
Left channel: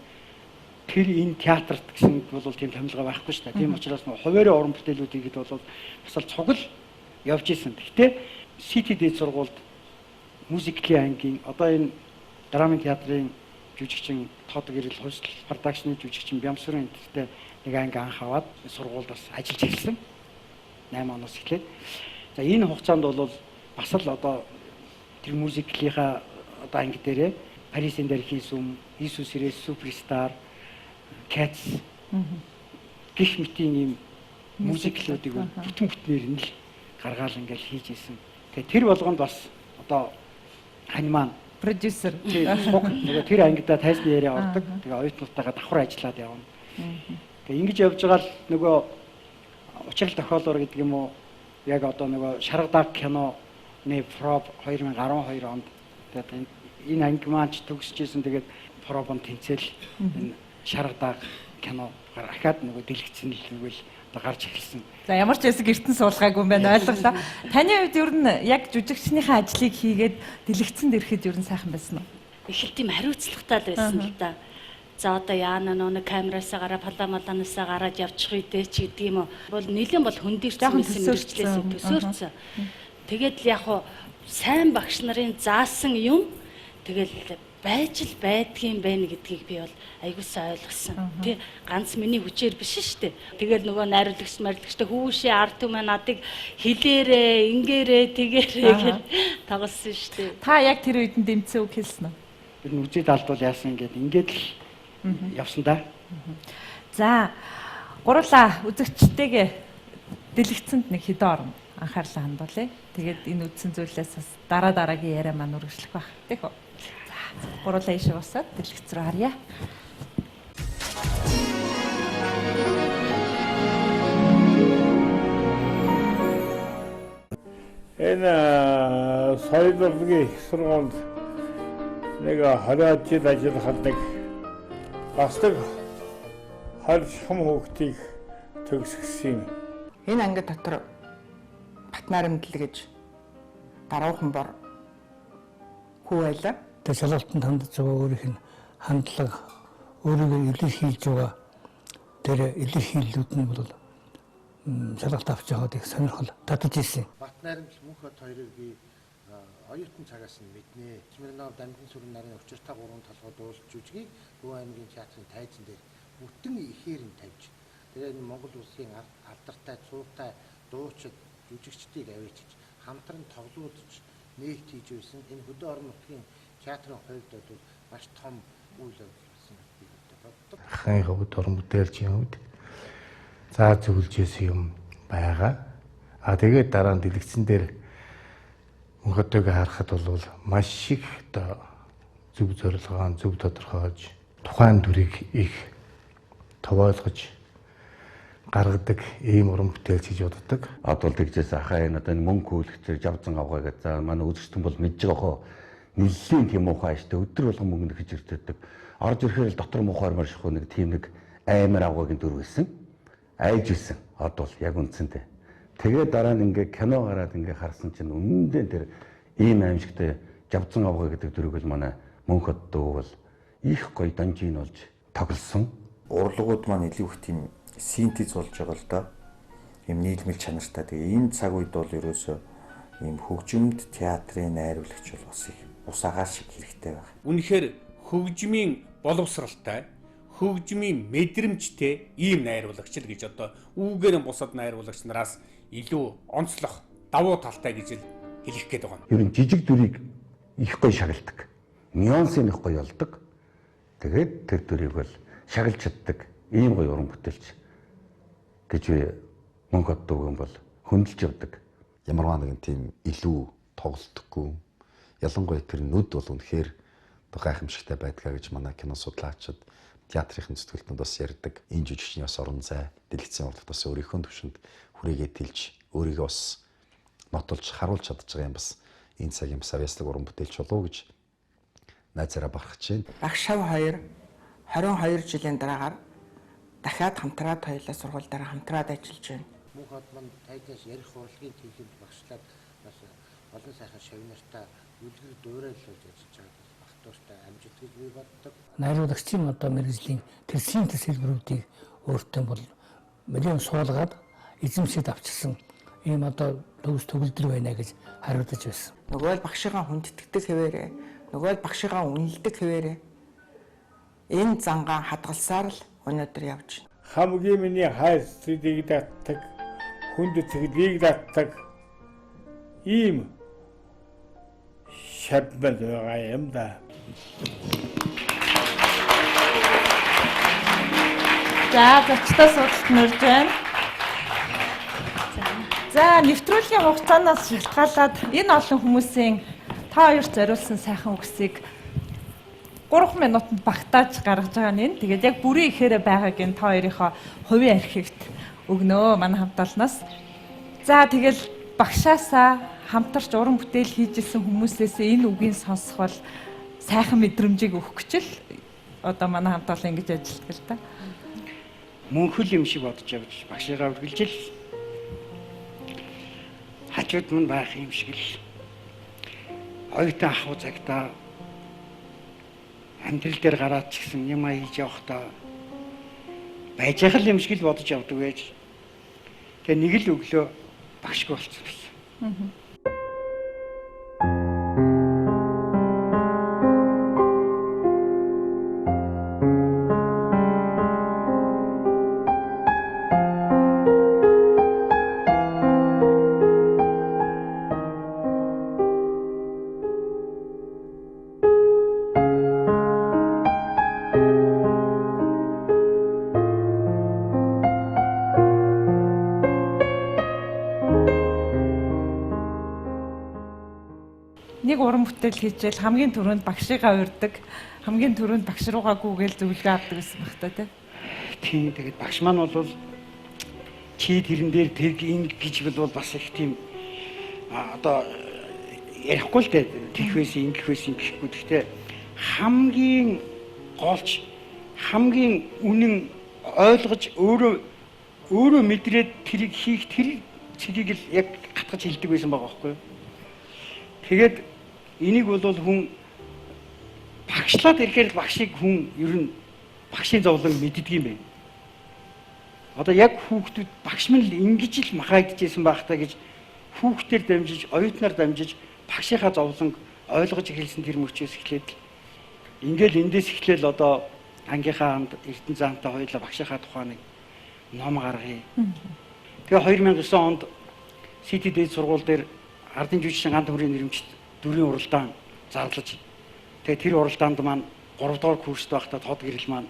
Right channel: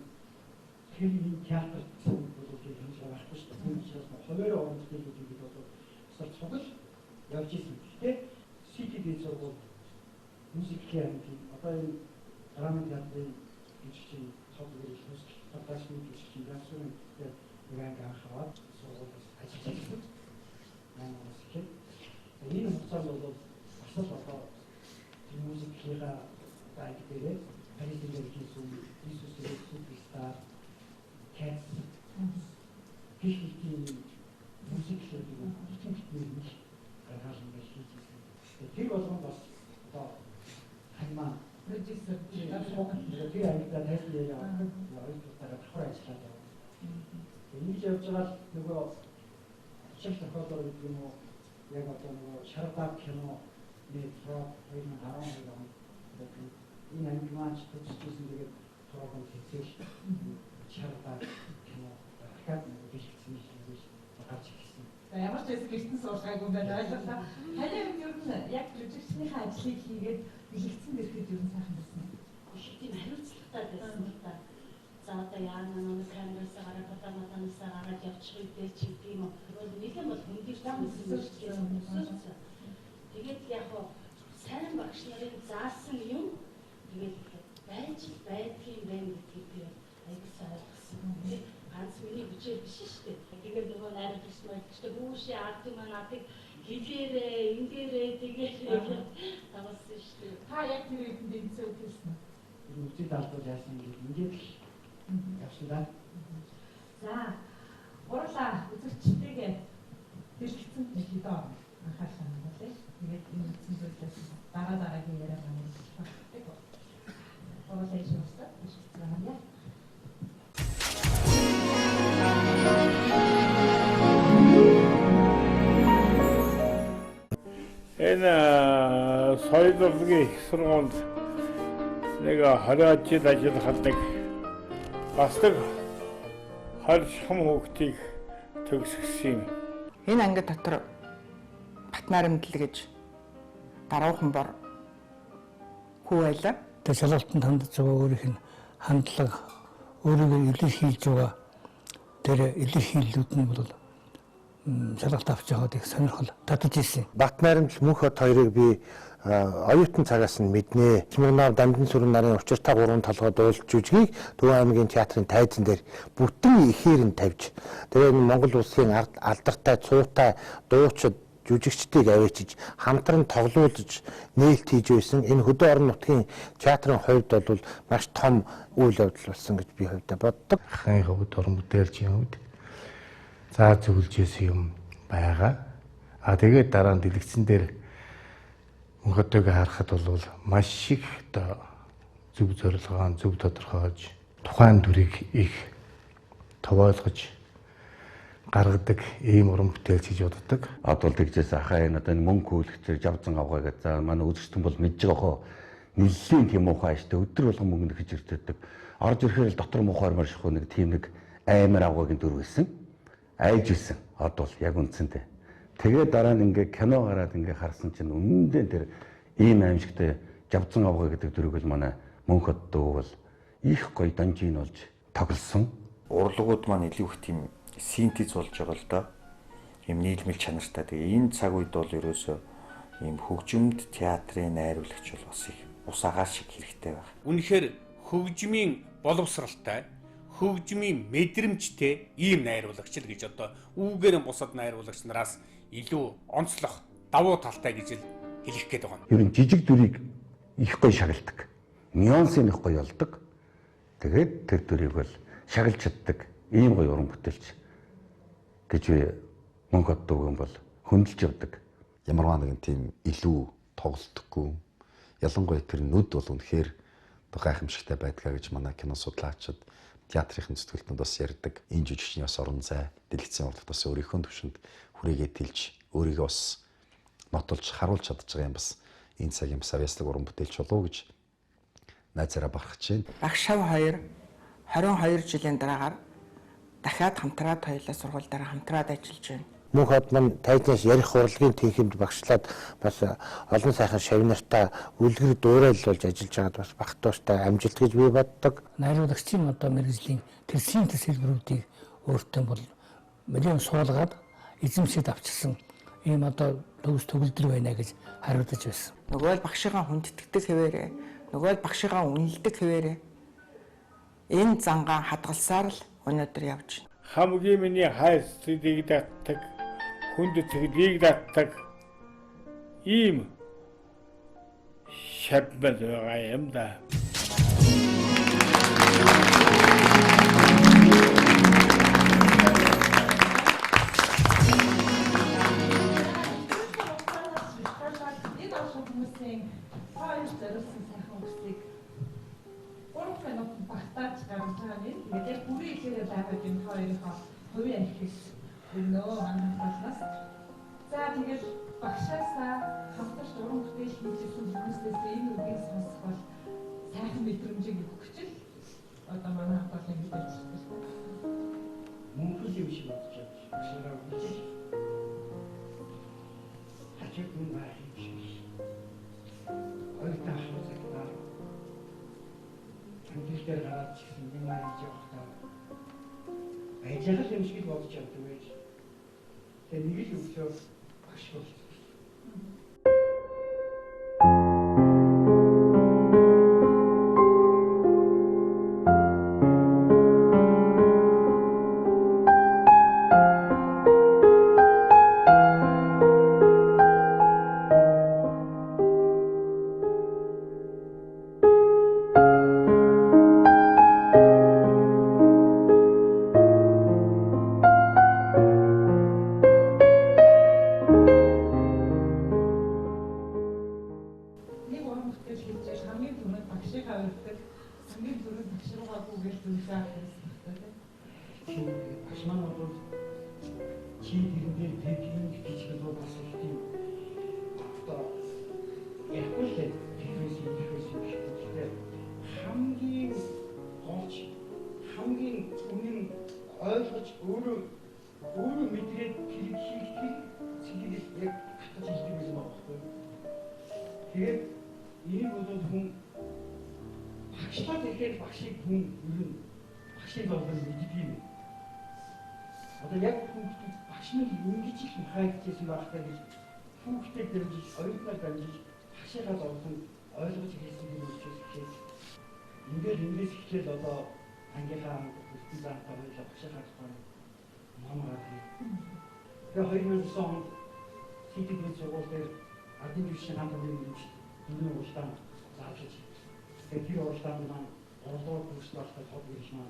тэр энэ театрт гэсэн бол тийм томилгоо байхгүй шүү дээ. Тийм учраас нөгөө хуваарийн уран бүтээлүүд ихэд бол бас л цугл явж исэн. Гэхдээ СТД сургуульд мюзиклийн ангийн одоо энэ драмын театрын жүжигчин Тодог Ирэл Хувьсэл продакшны жүжигчин Бямсрын энтертэй нэг анги анх аваад сургуульд бас ажиллаж ирсэн. 8 оноос эхлээд. За энэ хугацаанд бол бас л одоо тэр мюзиклийнхаа одоо анги дээрээ Парисын дээр хийсэн Иесус Ирээс Суперстар, Cats гэх мэтийн ийм мюзиклүүдийг бүтэн бүтнээр нь л гаргаал ингээл хийж исэн. Тэгээ тэр болгонд бас одоо аниман Продюсер нөгөө тэр ангидаа тайзны яриа ордог. Тэгээ оюутнуудтайгаа давхар ажиллаад явна. Тэгээ ингэж явж байгаа л нөгөө учрал тохиолоор гэдэг юм уу яг одоо нөгөө Шарга даг киноны проб 2012 онд тэгээд энэ анги маань ч төгсөжсэн. Тэгээд пробон тэнцэл энэ Шарга даг кино гарахад нөгөө дэлгэцэн л нэгвэл одоо гарч эхэлсэн. За ямар ч байсан гэртэн суулгаагүй юм байна ойлголоо. Таны хувьд ер нь яг жүжигчнийхээ ажлыг хийгээд дэлгэцэнд ирэхэд ер нь сайхан байсан уу? Их л тийм хариуцлагатай л байсан л да. За одоо яана нөө камераасаа гараа паламаланаасаа гараад явчих үедээ ч гэдэг юм уу. Бол нэлээд бол хөндөрсөн мэдрэлээс төсөөлсөн. Тэгээд л яг хуу сайн багш нарын заасан юм тэгэл байж л байдгийн байна гэдгийг би бол аягуулсаа ойлгосон. Тэ ганц миний хүчээр биш шүү дээ. Тэгэл нөгөө найруулагч марлагчтай хүүшээ ард түмээ надыг хилээрээ, ингээрээ, тэгээрээ гэж тоглосон шүү дээ. Та яг тэр үед нь дэмцэн үг хэлсэн үү? Тэр нь үзээд алдвал яасан ингээд л явсан да. За гурлаа үзэгчтэйгээ дэлгэцэнд нэг хэдэн орно анхаарлаа хандуулъя. Тэгээд энэ үдсэн зүйлээс бас дараагийн яриа маань үргэлжлэх байх. Тэг үү? Гурлаа ишээ усаад дэлгэц рүү харъя. Энэ соёл урлагийн их сургуульд нэг 20 жил ажиллахад нэг бас нэг 20 хүүхдийг төгсгсөн. Энэ анги дотор Батнарамдал гэж даруухан бор хүү байлаа. Тэгээ шалгалтанд хандж байгаа өөрийнх нь хандлага өөрийгөө илэрхийлж байгаа тэр илэрхийллүүд нь бол шалгалт авч байгаад их сонирхол татаж ирсэн. Батнарамдал мөнх хот хоёрыг би оюутан цагаас нь мэднэ. Чимэгнаар Дамжин сүрэн нарын учиртай 3 толгой дуулж жүжигийг Төв аймгийн театрын тайзан дээр бүтэн ихээр нь тавьж тэгээ Монгол улсын алдартай цуутай дуучид жүжигчдийг авчиж хамтран тоглуулж нээлт хийж байсан. Энэ хөдөө орон нутгийн театрын хувьд бол маш том үйл явдал болсон гэж би хувьдаа боддог. Ахын хувьд орон бүтээлчийн хувьд заа зөвлөжсэн юм байгаа. Тэгээд дараа нь дэлгэцэн дээр мөнхөдөөг харахад бол маш их оо зөв зорилгоон зөв тодорхойлж тухайн дүрийг их товойлгож гаргадаг ийм уран бүтээлч гэж боддог. Одоо л тэгжээс ахаа энэ одоо мөнгө хөөлөгчөөр жавзан авгаа гэж за манай үзэгчтэн бол мэдж байгаа хоо нэлээд тийм муухай штэ өдөр болгон мөнгө нөхөж ирдэг. Орж ирэхээр л дотор муухай марших нэг тийм нэг аймар авгаагийн дүр байсан. Айж исэн. Одоо л яг үндсэндээ. Тэгээ дараа нь ингээ кино гараад ингээ харсан чинь үнэндээ тэр ийм аимшигтай жавзан авгаа гэдэг дүрийг л манай мөнхөд дөө бол их гоё донжийн болж тоглосон. Урлагууд маань илүү их тийм синтез болж байгаа л да. ийм нийлмэл чанартай. Тэгээ энэ цаг үед бол ерөөсөө ийм хөгжимд театрын найруулагч бол бас их ус агаар шиг хэрэгтэй байна. Үнэхээр хөгжмийн боловсралтай, хөгжмийн мэдрэмжтэй ийм найруулагч л гэж одоо үүгээр бусад найруулагч нараас илүү онцлох давуу талтай гэж л хэлэх гээд байгаа. Ер нь жижиг дүрийг их гоё шагналдаг. Нюансыг их гоё олдог. Тэгээд тэр дүрийг бол шагалж чаддаг ийм гоё уран бүтээлч гэж мөнгө оддог юм бол хөндлөж явдаг. Ямарваа нэгэн тийм илүү тоглолтгүй. Ялангуяа тэр нүд бол үнэхээр гайхамшигтай байдгаа гэж манай кино судлаачид театрын зүтгэлтнүүд бас ярьдаг. Энэ жүжигчний бас орон зай, дэлгэцийн урлагт бас өөрийнхөө төвшөнд хүрээгээ тэлж өөрийгөө бас нотолж харуулж чадж байгаа юм бас энэ цагийн бас авьяаслаг уран бүтээлч болов гэж найзаараа барахж байна. Багш шав 2 22 жилийн дараагаар дахиад хамтраад хоёулаа сургууль дараа хамтраад ажиллаж байна. Мөнх хот мань тайзнаас ярих урлагийн тэнхимд багшлаад бас олон сайхан шавнартаа үлгэр дуурайлуулж ажиллаж байгаад бас бах тууштай амжилт гэж би боддог. Найруулагчийн одоо мэргэжлийн тэр синтез хэлбэрүүдийг өөртөө бол мэлэн суулгаад эзэмшиж авчирсан ийм одоо төгс төгөлдөр байна гэж хариулж байсан. Нөгөө л багшигаа хүндэтгдэг хэвээрээ, нөгөө л багшигаа үнэлдэг хэвээрээ энэ зангаа хадгалсаар л өнөөдөр явж байна. Хамгийн миний хайр сэтгэлийг татдаг, хүнд сэтгэлийг татдаг ийм шаббал байгаа юм да. За, зөвхөн суралц нэрж байна. За, нэвтрүүлгийн хугацаанаас шалтгаалаад энэ олон хүмүүсийн та хоёрт зориулсан сайхан үгсийг 3 минутанд багтааж гаргаж байгаа нь. Тэгээд яг бүрийн ихээрээ байгааг нь та хоёрынхоо хувийн архивт өгнөө манай хамтаалнаас. За, тэгэл багшаасаа хамтарч уран бүтээл хийжсэн хүмүүсээс энэ үгийг сонсох бол сайхан мэдрэмжийг өгөх гэж л одоо манай хамтаал ингэж ажилладаг л та. Мөнхөл юм шиг бодож явж багшигаа үргэлжил хажууд мань байх юм шиг л оюутан ахуй цагтаа амьдрал дээр гараад ч гэсэн юм хийж явахдаа байж байгаа юм шиг л бодож явдаг байж. Тэгээ нэг л өглөө багшгүй болчихсон. Нэг уран бүтээл хийчихэл хамгийн түрүүнд багшигаа урьдаг, хамгийн түрүүнд багш руугаа гүгээл зөвлөгөө авдаг гэсэн баг та тийм. Тэгээд багш маань бол чи тэрэн дээр тэг ингэ гэж бол бас их тийм одоо ярихгүй л дээ. Тэгх байсан, ингэх байсан гэхгүй. Гэхдээ хамгийн голч, хамгийн үнэн ойлгож өөрөө мэдрээд тэрийг хийх тэр цэгийг л яг гатгаж хэлдэг байсан байгаа байхгүй юу? Тэгээд энийг бол хүн багшлаад ирэхээр багшийг хүн ер нь багшийн зовлон мэддэг юм байна. Одоо яг хүүхдүүд багш минь л ингэж л махагдчихсэн байх та гэж хүүхдээр дамжиж, оюутнаар дамжиж багшийнхаа зовлонг ойлгож эхэлсэн тэр мөчөөс эхлээд ингээл эндээс эхлээл одоо ангийнхаа хамт Эрдэнэ заантай хоёулаа багшийнхаа тухайн нэг ном гаргая. Тэгээ 2009 онд СТД сургууль дээр ардын жүжигчин ганц бүрийн нэрэмжт дүрийн уралдаан зарлаж. Тэгээ тэр уралдаанд маань 3 дугаар курст байхдаа тод гэрэл маань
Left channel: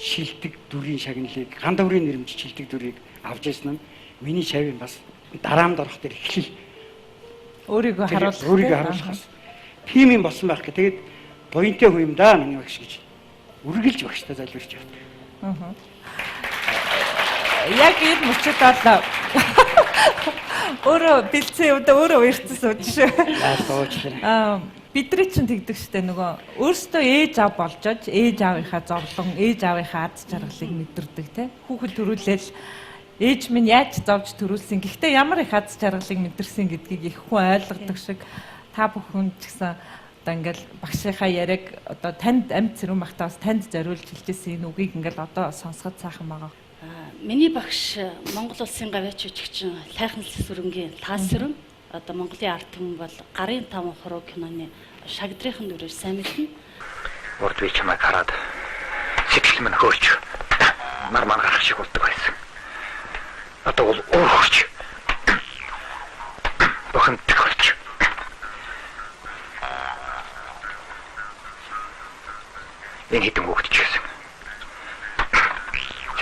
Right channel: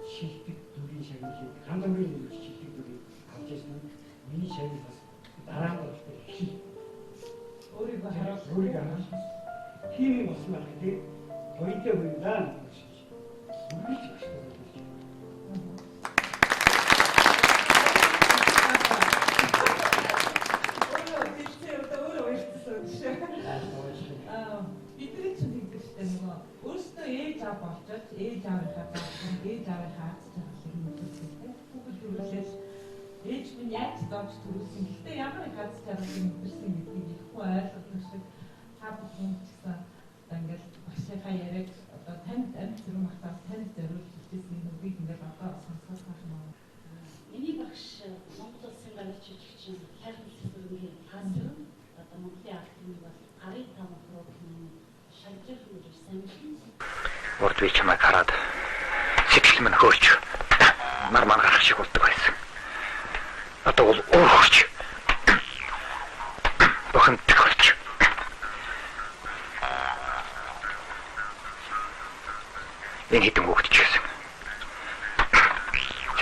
шилдэг дүрийн шагналыг ганц бүрийн нэрэмж шилдэг дүрийг авч ирсэн нь миний шавийн бас дараамд орох тэр эхлэл өөрийгөө харуулахаас тийм юм болсон байх гэх. Тэгээд буянтай хүн юм да миний багш гэж үргэлж багштай залбирч явдаг. Яг энэ мөчөд одоо өөрөө бэлцээ өдөө өөрөө уярцсан сууж шүү. Бидний чинь тэгдэг штэ нөгөө өөрсдөө ээж аав болжож ээж аавынхаа зовлон, ээж аавынхаа аз жаргалыг мэдэрдэг те. Хүүхэд төрүүлэл ээж минь яаж зовж төрүүлсэн. Гэхдээ ямар их аз жаргалыг мэдэрсэн гэдгийг их хүн ойлгодог шиг та бүхэн ч гэсэн одоо ингээл багшийнхаа яриаг одоо танд амьд цэрүүн багтаа бас танд зориулж хэлжсэн энэ үгийг ингээл одоо сонсоход сайхан байгаа. Миний багш Монгол улсын гавьяач жүжигчин Тайхан Сүрэнгийн Таас сүрэн одоо Монголын ард түмэн бол гарын 5 хуруу киноны шагдрын дүрээр сайн мэднэ. Урд би чамайг хараад сэтгэл минь хөөрч нар гарах шиг болдог байсан. Одоо бол уурч бохин төгөлч. Энэ хэдэн хүүхэд ч гэсэн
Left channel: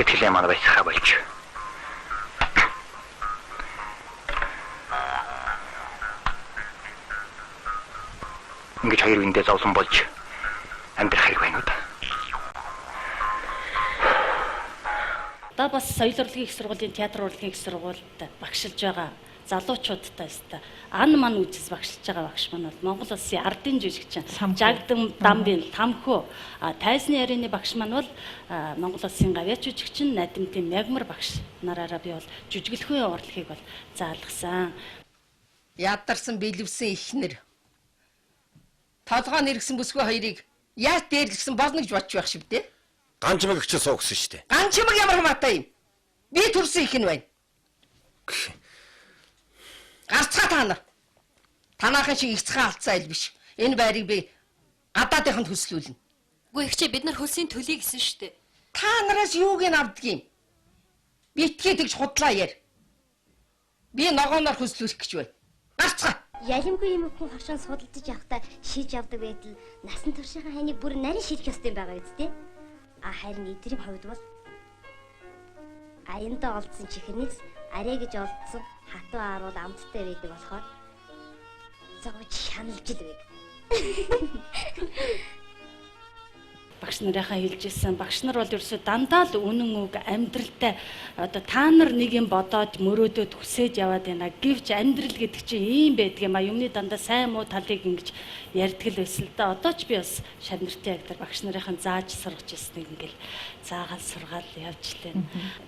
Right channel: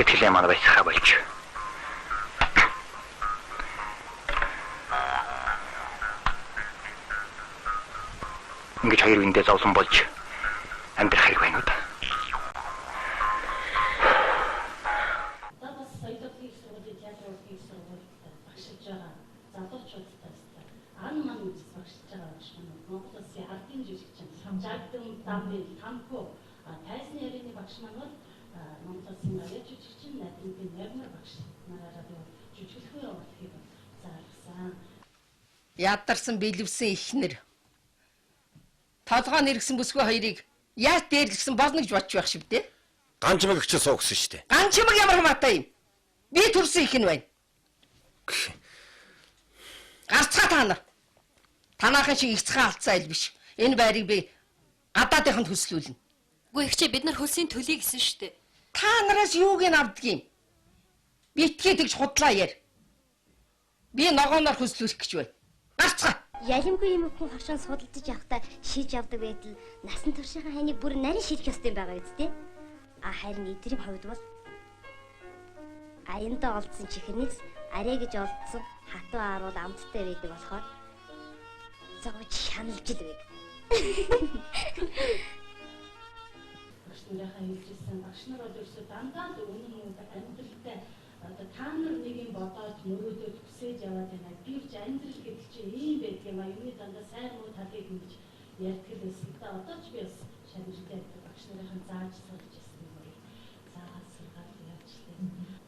сэтгэлээ манай байсхаа болж. Ингэж хоёр үндэ зовлон болж амьдрах хэрэг байна уу? Одоо бас соёл урлагийн их сургуулийн театр урлагийн их сургуульд багшилж байгаа залуучуудтай өстой ан ман үжис багшилж байгаа багш маань бол Монгол улсын ардын жүжигчин Жагдам Дамбын Тамхүү тайзны ярины багш маань бол Монгол улсын гавьяач жүжигчин Надимтын Мягмар багш нараараа би бол жүжиглэхүйн урлагийг бол заалгасан. Ядарсан бэлэвсэн ихнэр толгоо нэргсэн бүсгүй хоёрыг яаж дээрлэгсэн болно гэж бодож байх шиг дээ. Ганчмаг их ч суугсан шүү дээ. Ганчмаг ямар хамаатай юм? Би төрсөн их нь байна. Гарцгаа та нар. Танаахын шиг ихцхэн алдсан айл биш. Энэ байрыг би гадаадынханд хөслүүлнэ. Үгүй ихчээ бид нар хөлсийн төлөй гэсэн шүү дээ. Та нараас юуг нь авдаг юм? Битгий тэгж худлаа яар. Би ногооноор хөслүүлэх гэж байна. Гарцгаа. Ялимгүй юм хүн хашаан судалдаж явахдаа шийж явдаг байтал насан туршийнхаа хайныг бүр нарийн шийдэх ёстой юм байгаа үсттэй. Харин эдрийн хувьд бол аяндаа олдсон чихэрнээс арай гэж олдсон хатуу ааруул амттай байдаг болохоор зовж шаналж л байг. Багш нарынхаа хэлжсэн багш нар бол ерөөсөө дандаа л үнэн үг амьдралтай одоо та нар нэг юм бодоод мөрөөдөөд хүсэж яваад байна гэвч амьдрал гэдэг чинь ийм байдаг юм а юмны дандаа сайн муу талыг ингэж ярьдаг л байсан л да. Одоо ч би бас шавнартай актер багш нарынхаа зааж сургаж ирсэн ингээл заагаал сургаал явж лээ.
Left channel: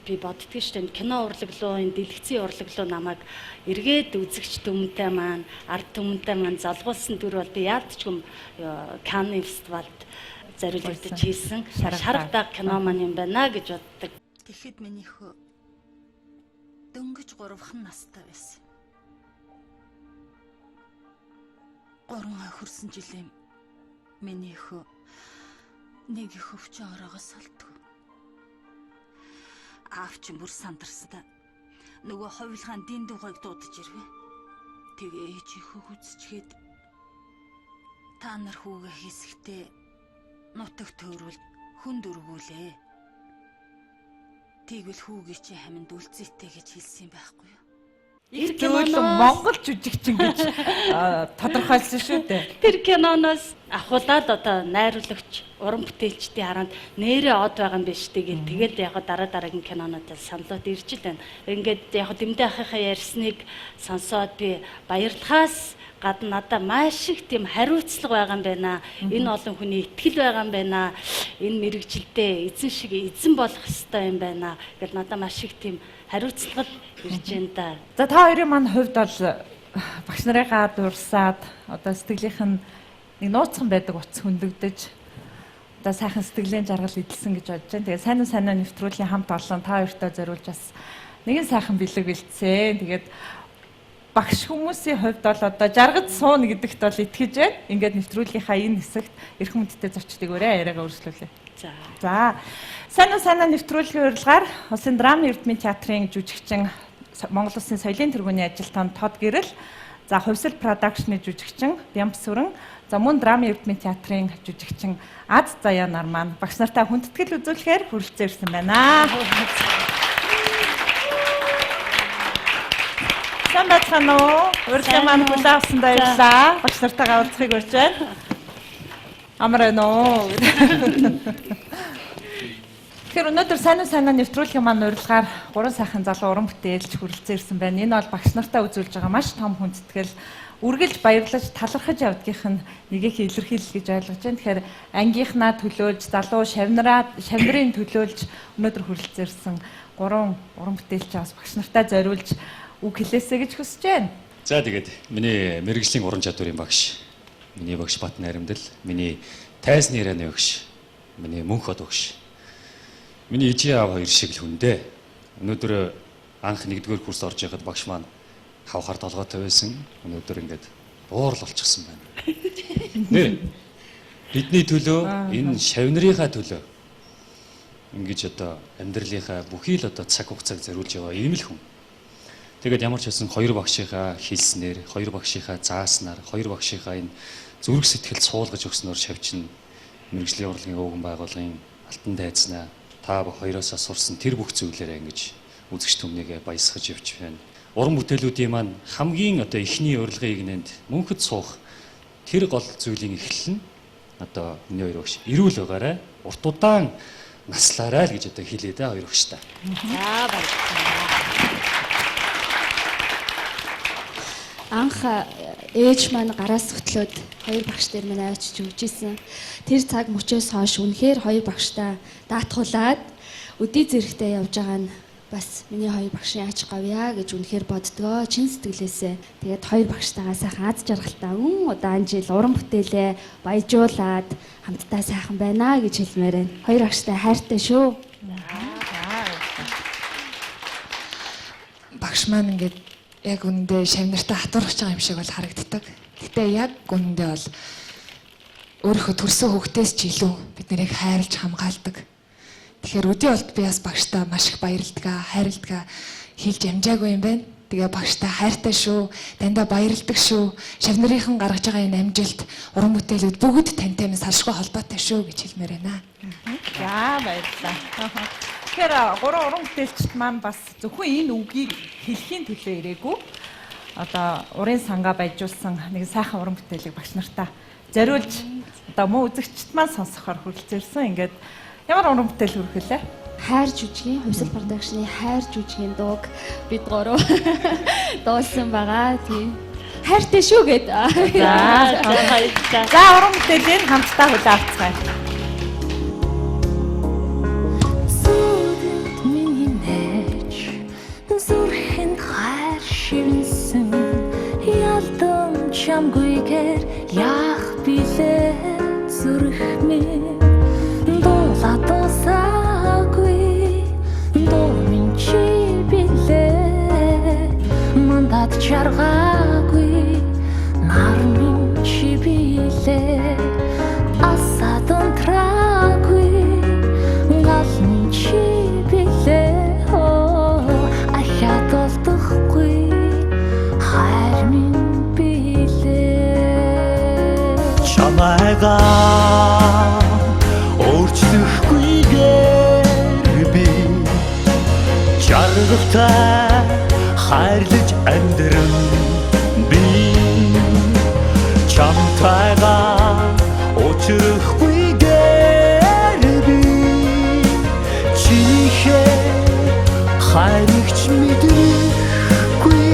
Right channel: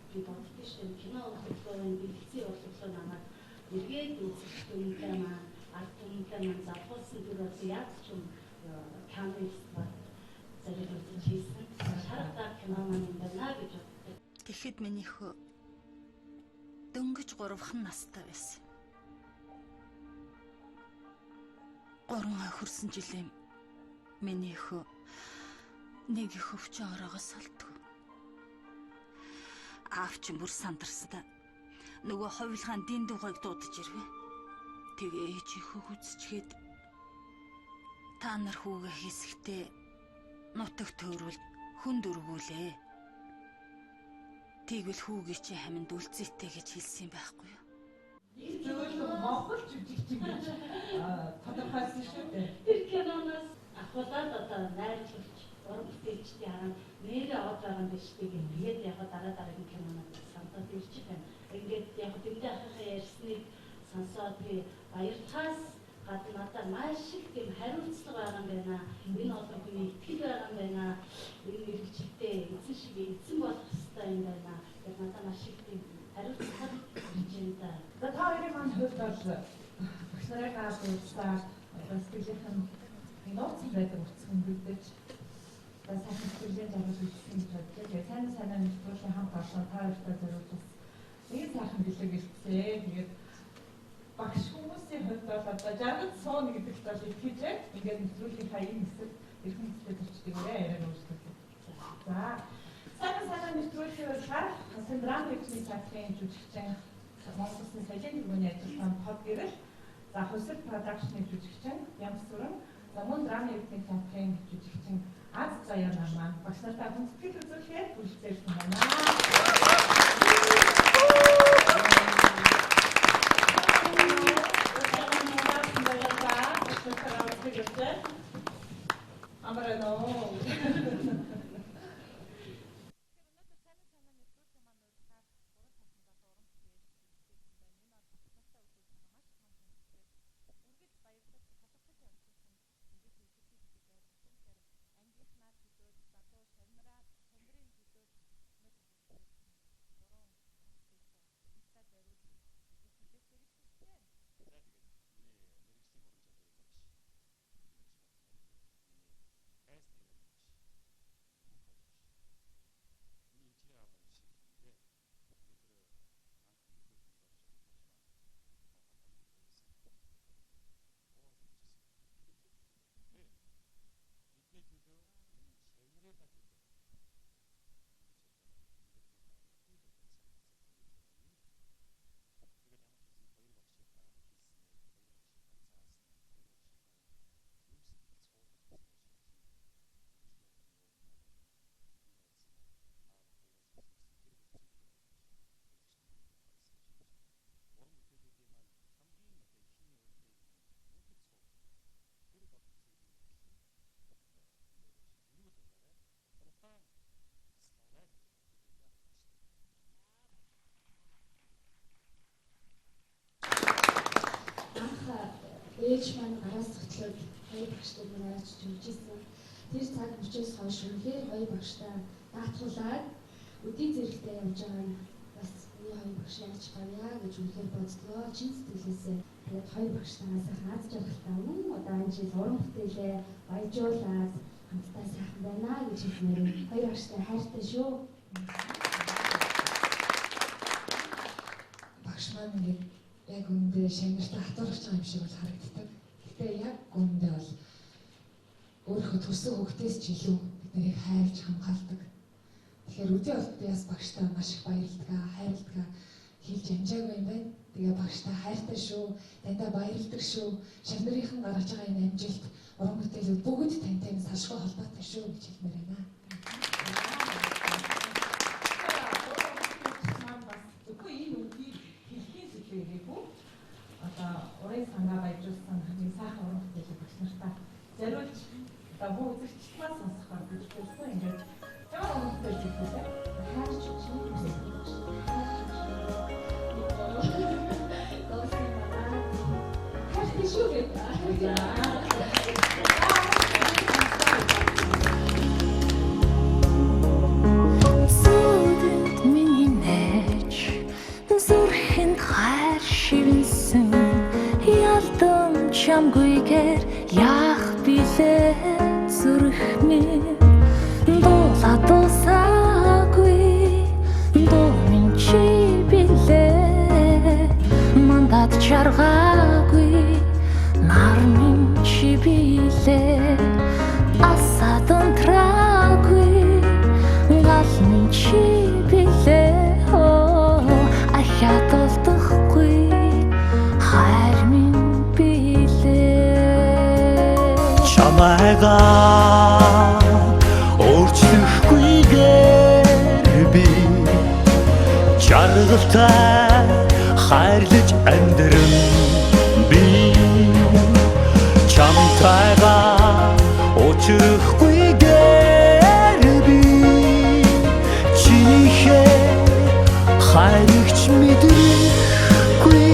Би боддгийн шүү дээ кино урлаглуу энэ дэлгэцийн урлаглуу намайг эргээд үзэгч түмэнтэй маань ард түмэнтэй маань залгуулсан дүр бол би яалтчгүй Канны фестивальд зориулагдаж хийсэн шарах даг кино маань юм байна гэж боддог. Тэгэхэд миний хөө дөнгөж 3хан настай байсан. 3 хөрсөн жилийн миний хөө нэг их өвчин ороогоос алдгүй. Аавч бүр сандарсдаа нөгөө хувилгаан дин дугойг дуудаж ирвэ. Тэгээ ээжийнхөө үзчихэд та нар хүүгээ хийсэхдээ нутаг төөрүүл хүнд өргүүлээ. Тэгвэл хүүгээ чи хаминд үлцээтэй гэж хэлсэн байхгүй юу? Их зөвлөн Монгол жүжигчин гэж тодорхойлсон шүү дээ. Тэр киноноос ахуулаад одоо найруулагч, уран бүтээлчдийн харанд нэрээ од байгаа юм биш тэгээд тэгэл яг дараагийн кинонуудад саналууд ирж л байна. Ингээд яг дэмдээ ахыхаа ярьсныг сонсоод би баярлахаас гадна надад маш их тийм хариуцлага байгаа юм байна. Энэ олон хүний итгэл байгаа юм байна. Энэ мэрэгжилдээ эзэн шиг эзэн болох ёстой юм байна. Гэтэл надад маш их тийм хариуцлага ирж байна да. За та хоёрын маань хувьд бол багш нарыгаа дурсаад одоо сэтгэлийнх нь нэг нууцхан байдаг утас хөндөгдөж одоо сайхан сэтгэлийн жаргал эдэлсэн гэж бодож байна. Тэгээ сайн сайн нэвтрүүлгийн хамт олон та хоёртой зориулж бас нэгэн сайхан бэлэг бэлдсэн. Тэгээд багш хүмүүсийн хувьд бол одоо жаргаж сууна гэдэгт бол итгэж байна. Ингээд нэвтрүүлгийнхаа энэ хэсэгт эрхэм хүндтэй зочдыг өөрөө яриагаа өргөжлүүлээ. За. Сайн нэвтрүүлгийн урилгаар Улсын драмын эрдмийн театрын жүжигчин Монгол Улсын соёлын тэргүүний ажилтан Тод Гэрэл, за хувьсэл продакшны жүжигчин Бямб Сүрэн, за мөн драмын эрдмийн театрын жүжигчин Аз Заяа нар маань багш нартай хүндэтгэл үзүүлэхээр хүрэлцэн ирсэн байна. Сайн байна уу? Урилгын маань хүлээвсэн баярлалаа. Багш нартайгаа уулзахыг урьж байна. Амар нөө. Тэгэхээр өнөөдөр сайн нэвтрүүлгийн маань урилгаар 3 сайхан залуу уран бүтээлч хүрэлцэн ирсэн байна. Энэ бол багш нартай үзүүлж байгаа маш том хүндэтгэл, үргэлж баярлаж талархаж явдгийнх нь нэгийг илэрхийлэл гэж ойлгож байна. Тэгэхээр ангийнхнаа төлөөлж, залуу шавнарын төлөөлж өнөөдөр хүрэлцэн ирсэн 3 уран бүтээлч бас багш нартай зориулж үг хэлээсэй гэж хүсэж байна. За тэгээд миний мэрэгжлийн уран чадварын багш, миний багш Бат Найрамдал, миний тайзны ярианы багш, миний мөнх од багш, миний ижи аав хоёр шиг л хүндээ Өнөөдөр анх 1-р курс орж байхад багш маань хавхаар толгойтой байсан. Өнөөдөр ингээд буурал болчихсон байна. Нэ. Бидний төлөө энэ шавнырийнхаа төлөө ингэж одоо амьдралынхаа бүхий л одоо цаг хугацааг зориулж байгаа ийм л хүн. Тэгээд ямар ч байсан хоёр багшийнхаа хэлснээр, хоёр багшийнхаа зааснаар, хоёр багшийнхаа энэ зүрх сэтгэл суулгаж өгснөөр шавчин мэрэгжлийн урлагийн өвгөн байгууллагын алтан дайцнаа та хоёроосоо сурсан тэр бүх зүйлээрээ ингэж үзэгч түмнийгээ баясгаж явж байна. Уран бүтээлүүдийн маань хамгийн одоо эхний урилгын игнэнд мөнхөд суух тэр гол зүйлийн эхлэл нь одоо миний хоёр багш эрүүл байгаарай, урт удаан наслаарай л гэж одоо хэлээ дээ хоёр багштай. За баярлалаа. Анх ээж маань гараас хөтлөөд хоёр багш дээр минь авчиж өгчээсэн. Тэр цаг мөчөөс хойш үнэхээр хоёр багштай даатгуулаад өдий зэрэгтэй явж байгаа нь бас миний хоёр багшийн ач гавья гэж үнэхээр боддгоо чин сэтгэлээсээ. Тэгээд хоёр багштайгаа сайхан аз жаргалтай удаан жил уран бүтээлээ баяжуулаад хамтдаа сайхан байна гэж хэлмээр байна. Хоёр багштай хайртай шүү. Багш маань ингээд яг үндэ шавнартаа хатуурч байгаа юм шиг бол харагддаг. Гэтэ яг үндэ бол өөрийнхөө төрсөн хүүхдээс ч илүү бид нарыг хайрлж хамгаалдаг. Тэгэхээр өдөө болт би бас багштай маш их баярлдаг, хайрладаг хэлж амжаагүй юм байна. Тэгээ багштай хайртай шүү, дандаа баярлдаг шүү. Шавнарынхан гаргаж байгаа энэ амжилт, уран бүтээлүүд бүгд тантай минь салшгүй холбоотой шүү гэж хэлмээр байна. За баярлалаа. Тэгэхээр гурван уран бүтээлчд маань бас зөвхөн энэ үгийг хэлхийн төлөө ирээгүй. Одоо урын сангаа баяжуулсан нэг сайхан уран бүтээлийг багш нартаа зориулж одоо мөн үзэгчд маань сонсохоор хүрэлцээрсэн. Ингээд ямар уран бүтээл хүргэлээ? Хайр жүжигийн Хувьсал продакшны хайр жүжигийн дууг бид гурав дуулсан байгаа. Тийм. Хайртай шүү гэд. За уран бүтээлийн хамтдаа хүлээн авцгаая. Сүдэнд миний найж зүрхэнд хайр шивнсэн ялдан чамгүйгээр яах билээ зүрх минь дуула дуусаагүй дуу минь чи билээ мандат чаргаагүй нар минь чи билээ асад унтраагүй гал минь чи билээ ахиад олдохгүй хайр минь билээ чамайгаа өөрчлөхгүйгээр би жаргалтай хайрлаж амьдран би чамтайгаа учрахгүйгээр би чинийхээ хайрыгч мэдрэхгүй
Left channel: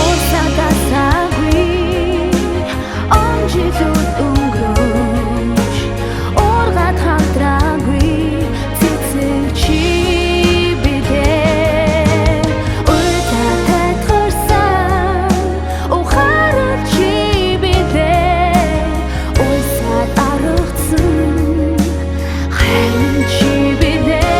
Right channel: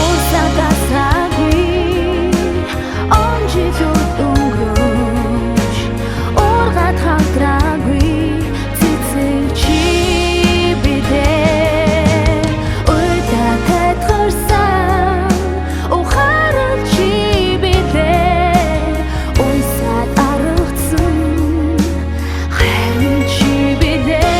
Орсадасаагүй онжилүүд өнгөрөөж ургаад хамтраагүй цэцэг чи бидээ уйдаа тэтгэрсэн ухаарал чи бидээ уйсаад аргацсан хайр минь чи бидээ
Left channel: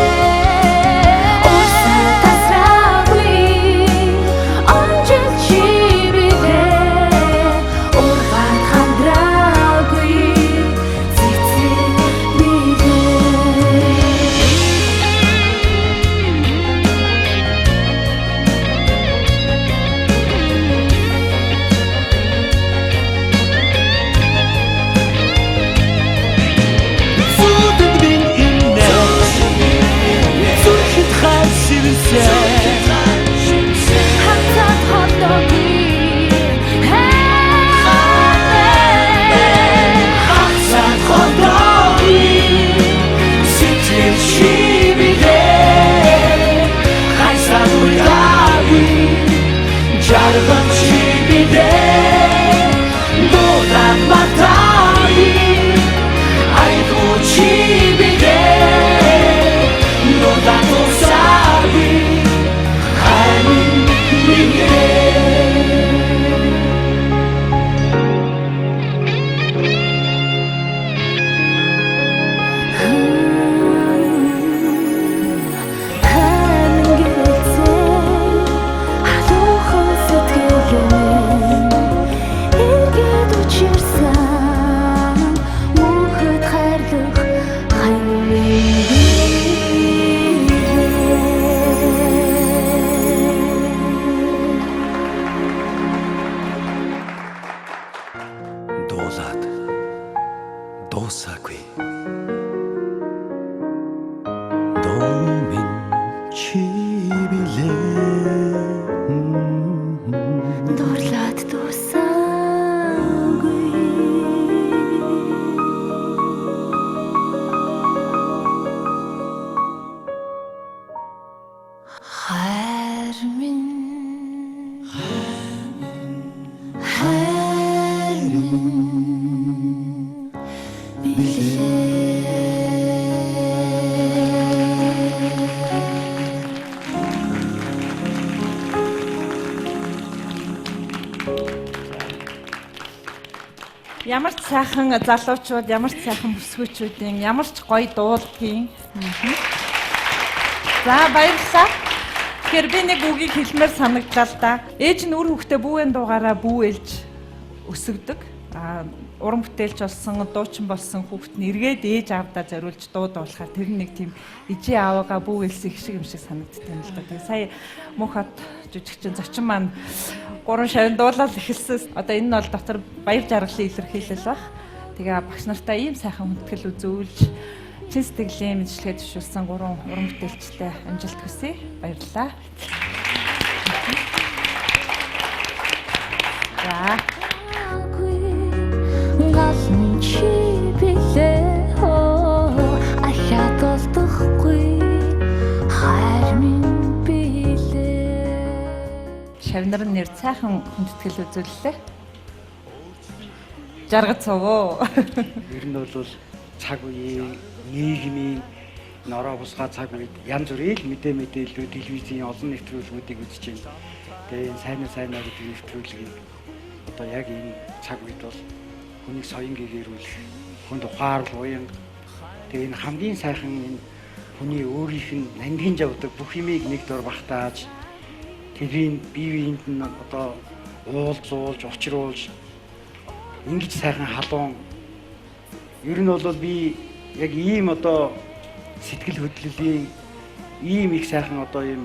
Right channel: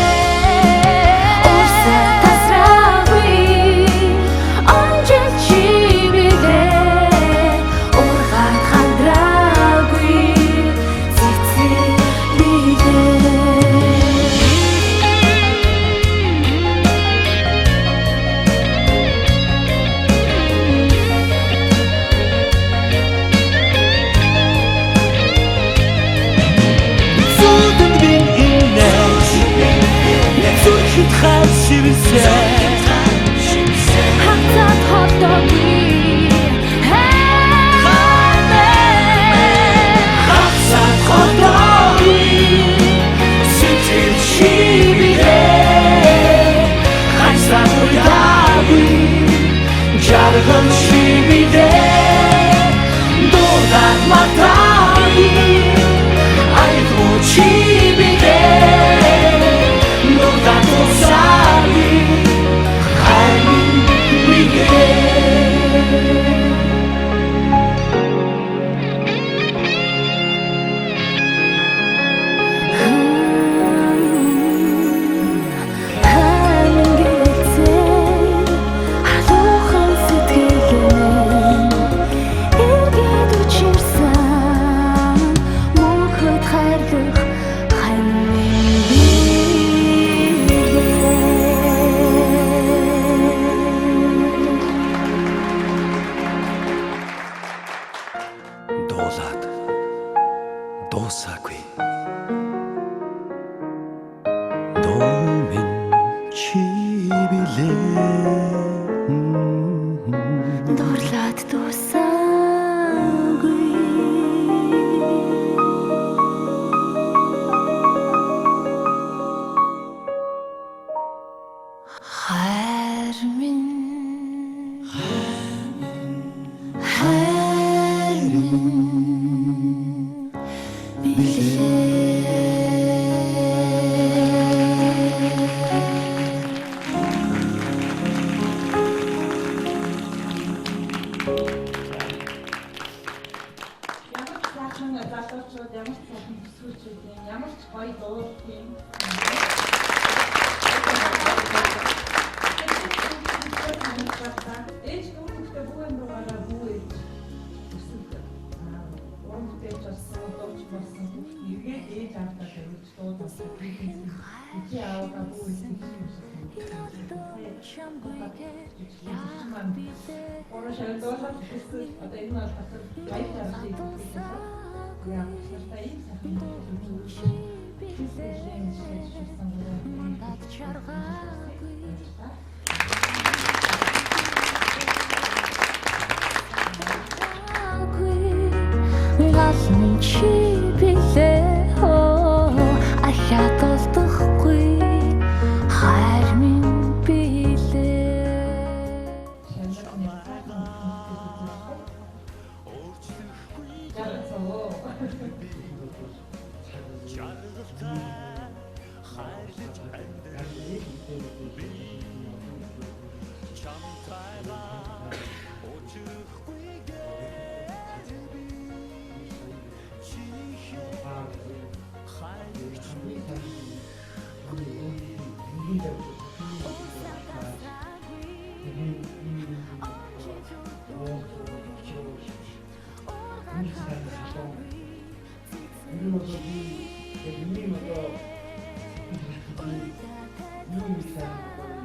хатад хотогүй хатад хотогүй сэтгэл чи бидээ хайсаад үлдээгүй жаргал чи бидээ дуудаад матаагүй айдуу чи бидээ дуудаад усаагүй хайр минь бидээ дуулаад дуусаагүй. Дуу минь чи билээ. Дурлаад дуусаагүй. Хайр минь Ямар ч сайхан залуучууд, ямар ч сайхан бүсгүйчүүдийн ямар ч гоё дуулдгийн. За баярлалаа. Тэгэхээр би нэг үгийг хэлмээр санагдлаа л да. Ээж нь үр хүүхдээ бүүвэн дуугаараа бүүэлж өсгдөг. Уран бүтээлч болсон, дуучин болсон хүүхэд нь эргээд ээж аавдаа зориулж дуу дуулахаар тэр нэг тийм ижээ аавгаа бүүвэлсэн шиг юм шиг санагддаг юм л да. Тэгээ сая Мөнхбат жүжигчин зочин маань 3 шавь дуулаад эхэлсэн. Одоо энэ нь бол дотор баяр жаргалын илэрхийлэл баг. Тэгээ багш нартай ийм сайхан хүндэтгэл үзүүлж чин сэтгэлийн мэдлэгээ төвшүүлсэн 3 уран бүтээлчтэй амжилт хүсье. Баярлалаа. Галын чи билээ ахаад олдохгүй хайр минь билээ. Шавнар нэр сайхан хүндэтгэл үзүүллээ. Жаргал цовоо. Ер нь бол цаг үеийн нийгмийн нороо бусгай цаг үед янз бүрийн мэдээлэл телевизийн олон нэвтрүүлгүүдийг үзэж байна. Тэгээ сайн нэвтрүүлэг одоо яг энэ цаг үед бол хүний соён гэгэрүүл хүнд ухаарл уян тэгээ энэ хамгийн сайхан хүний өөрийнх нь ангинж авдаг бүх юмыг нэг дор багтааж тэрийн бие биенд нь одоо уулзуулж учруулж ингэж сайхан халуун ер нь бол би яг ийм одоо сэтгэл хөдлөлийн ийм их сайхан одоо юм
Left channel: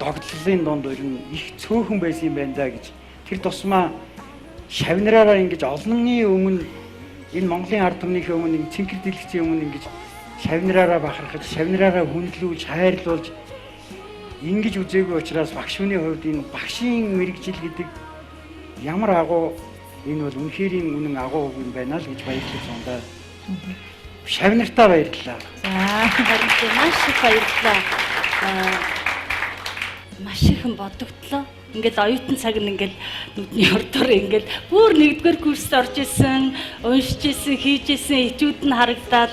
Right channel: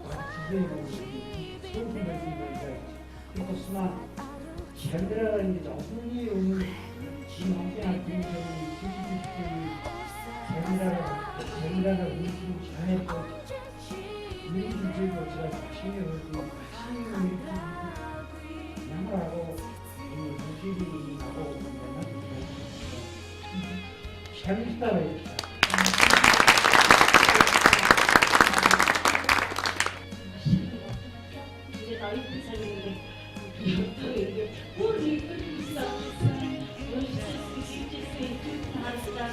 догтлолын донд ер нь их цөөхөн байсан юм байна да гэж тэр тусмаа шавнараараа ингэж олонний өмнө энэ Монголын ард түмнийхээ өмнө цэнхэр дэлгэцийн өмнө ингэж шавнараараа бахархаж, шавнараараа хүндлүүлж, хайрлуулж ингэж үзээгүй учраас багш хүний хувьд энэ багшийн мэрэгжил гэдэг ямар агуу энэ бол үнэхээр үнэн агуу юм байна л гэж баярлаж байна. Шавнартаа баярлалаа. Маш ихэн бодогдлоо. Ингээд оюутан цаг нь ингээд нүдний ордоор ингээд бүр нэгдүгээр курст орж исэн, уншиж исэн, хийж исэн этюд нь харагдаад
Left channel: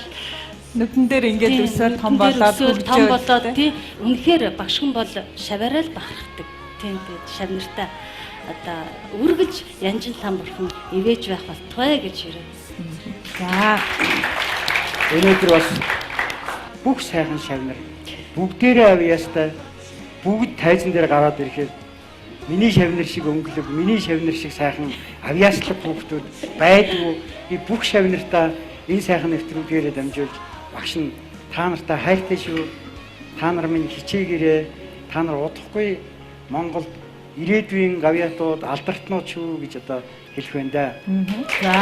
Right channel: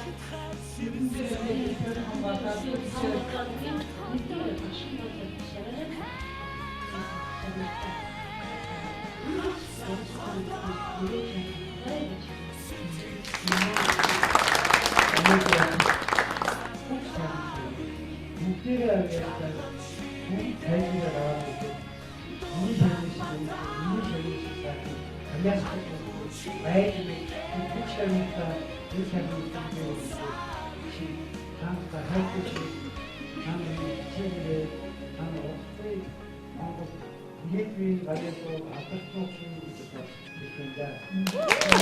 нүдэн дээр ингээд өсөөр том болоод тий үнэхээр багшхан бол шаваараа л бахархдаг. Тийм шавнартаа одоо үргэлж янжин там бурхан ивэж байх болтугай гэж ирсэн. За. Өнөөдөр бас бүх сайхан шавнар бүгдээрээ авьяастай бүгд тайзан дээр гараад ирэхэд миний шавнар шиг өнгөлөг, миний шавнар шиг сайхан авьяаслаг хүүхдүүд байдгүй. Би бүх шавнартаа энэ сайхан нэвтрүүлгээрээ дамжуулж багш нь та нартай хайртай шүү. Та нар минь хичээгээрээ та нар удахгүй Монголд ирээдүйн гавьяатууд алдартнууд шүү гэж одоо хэлэх байна да. За.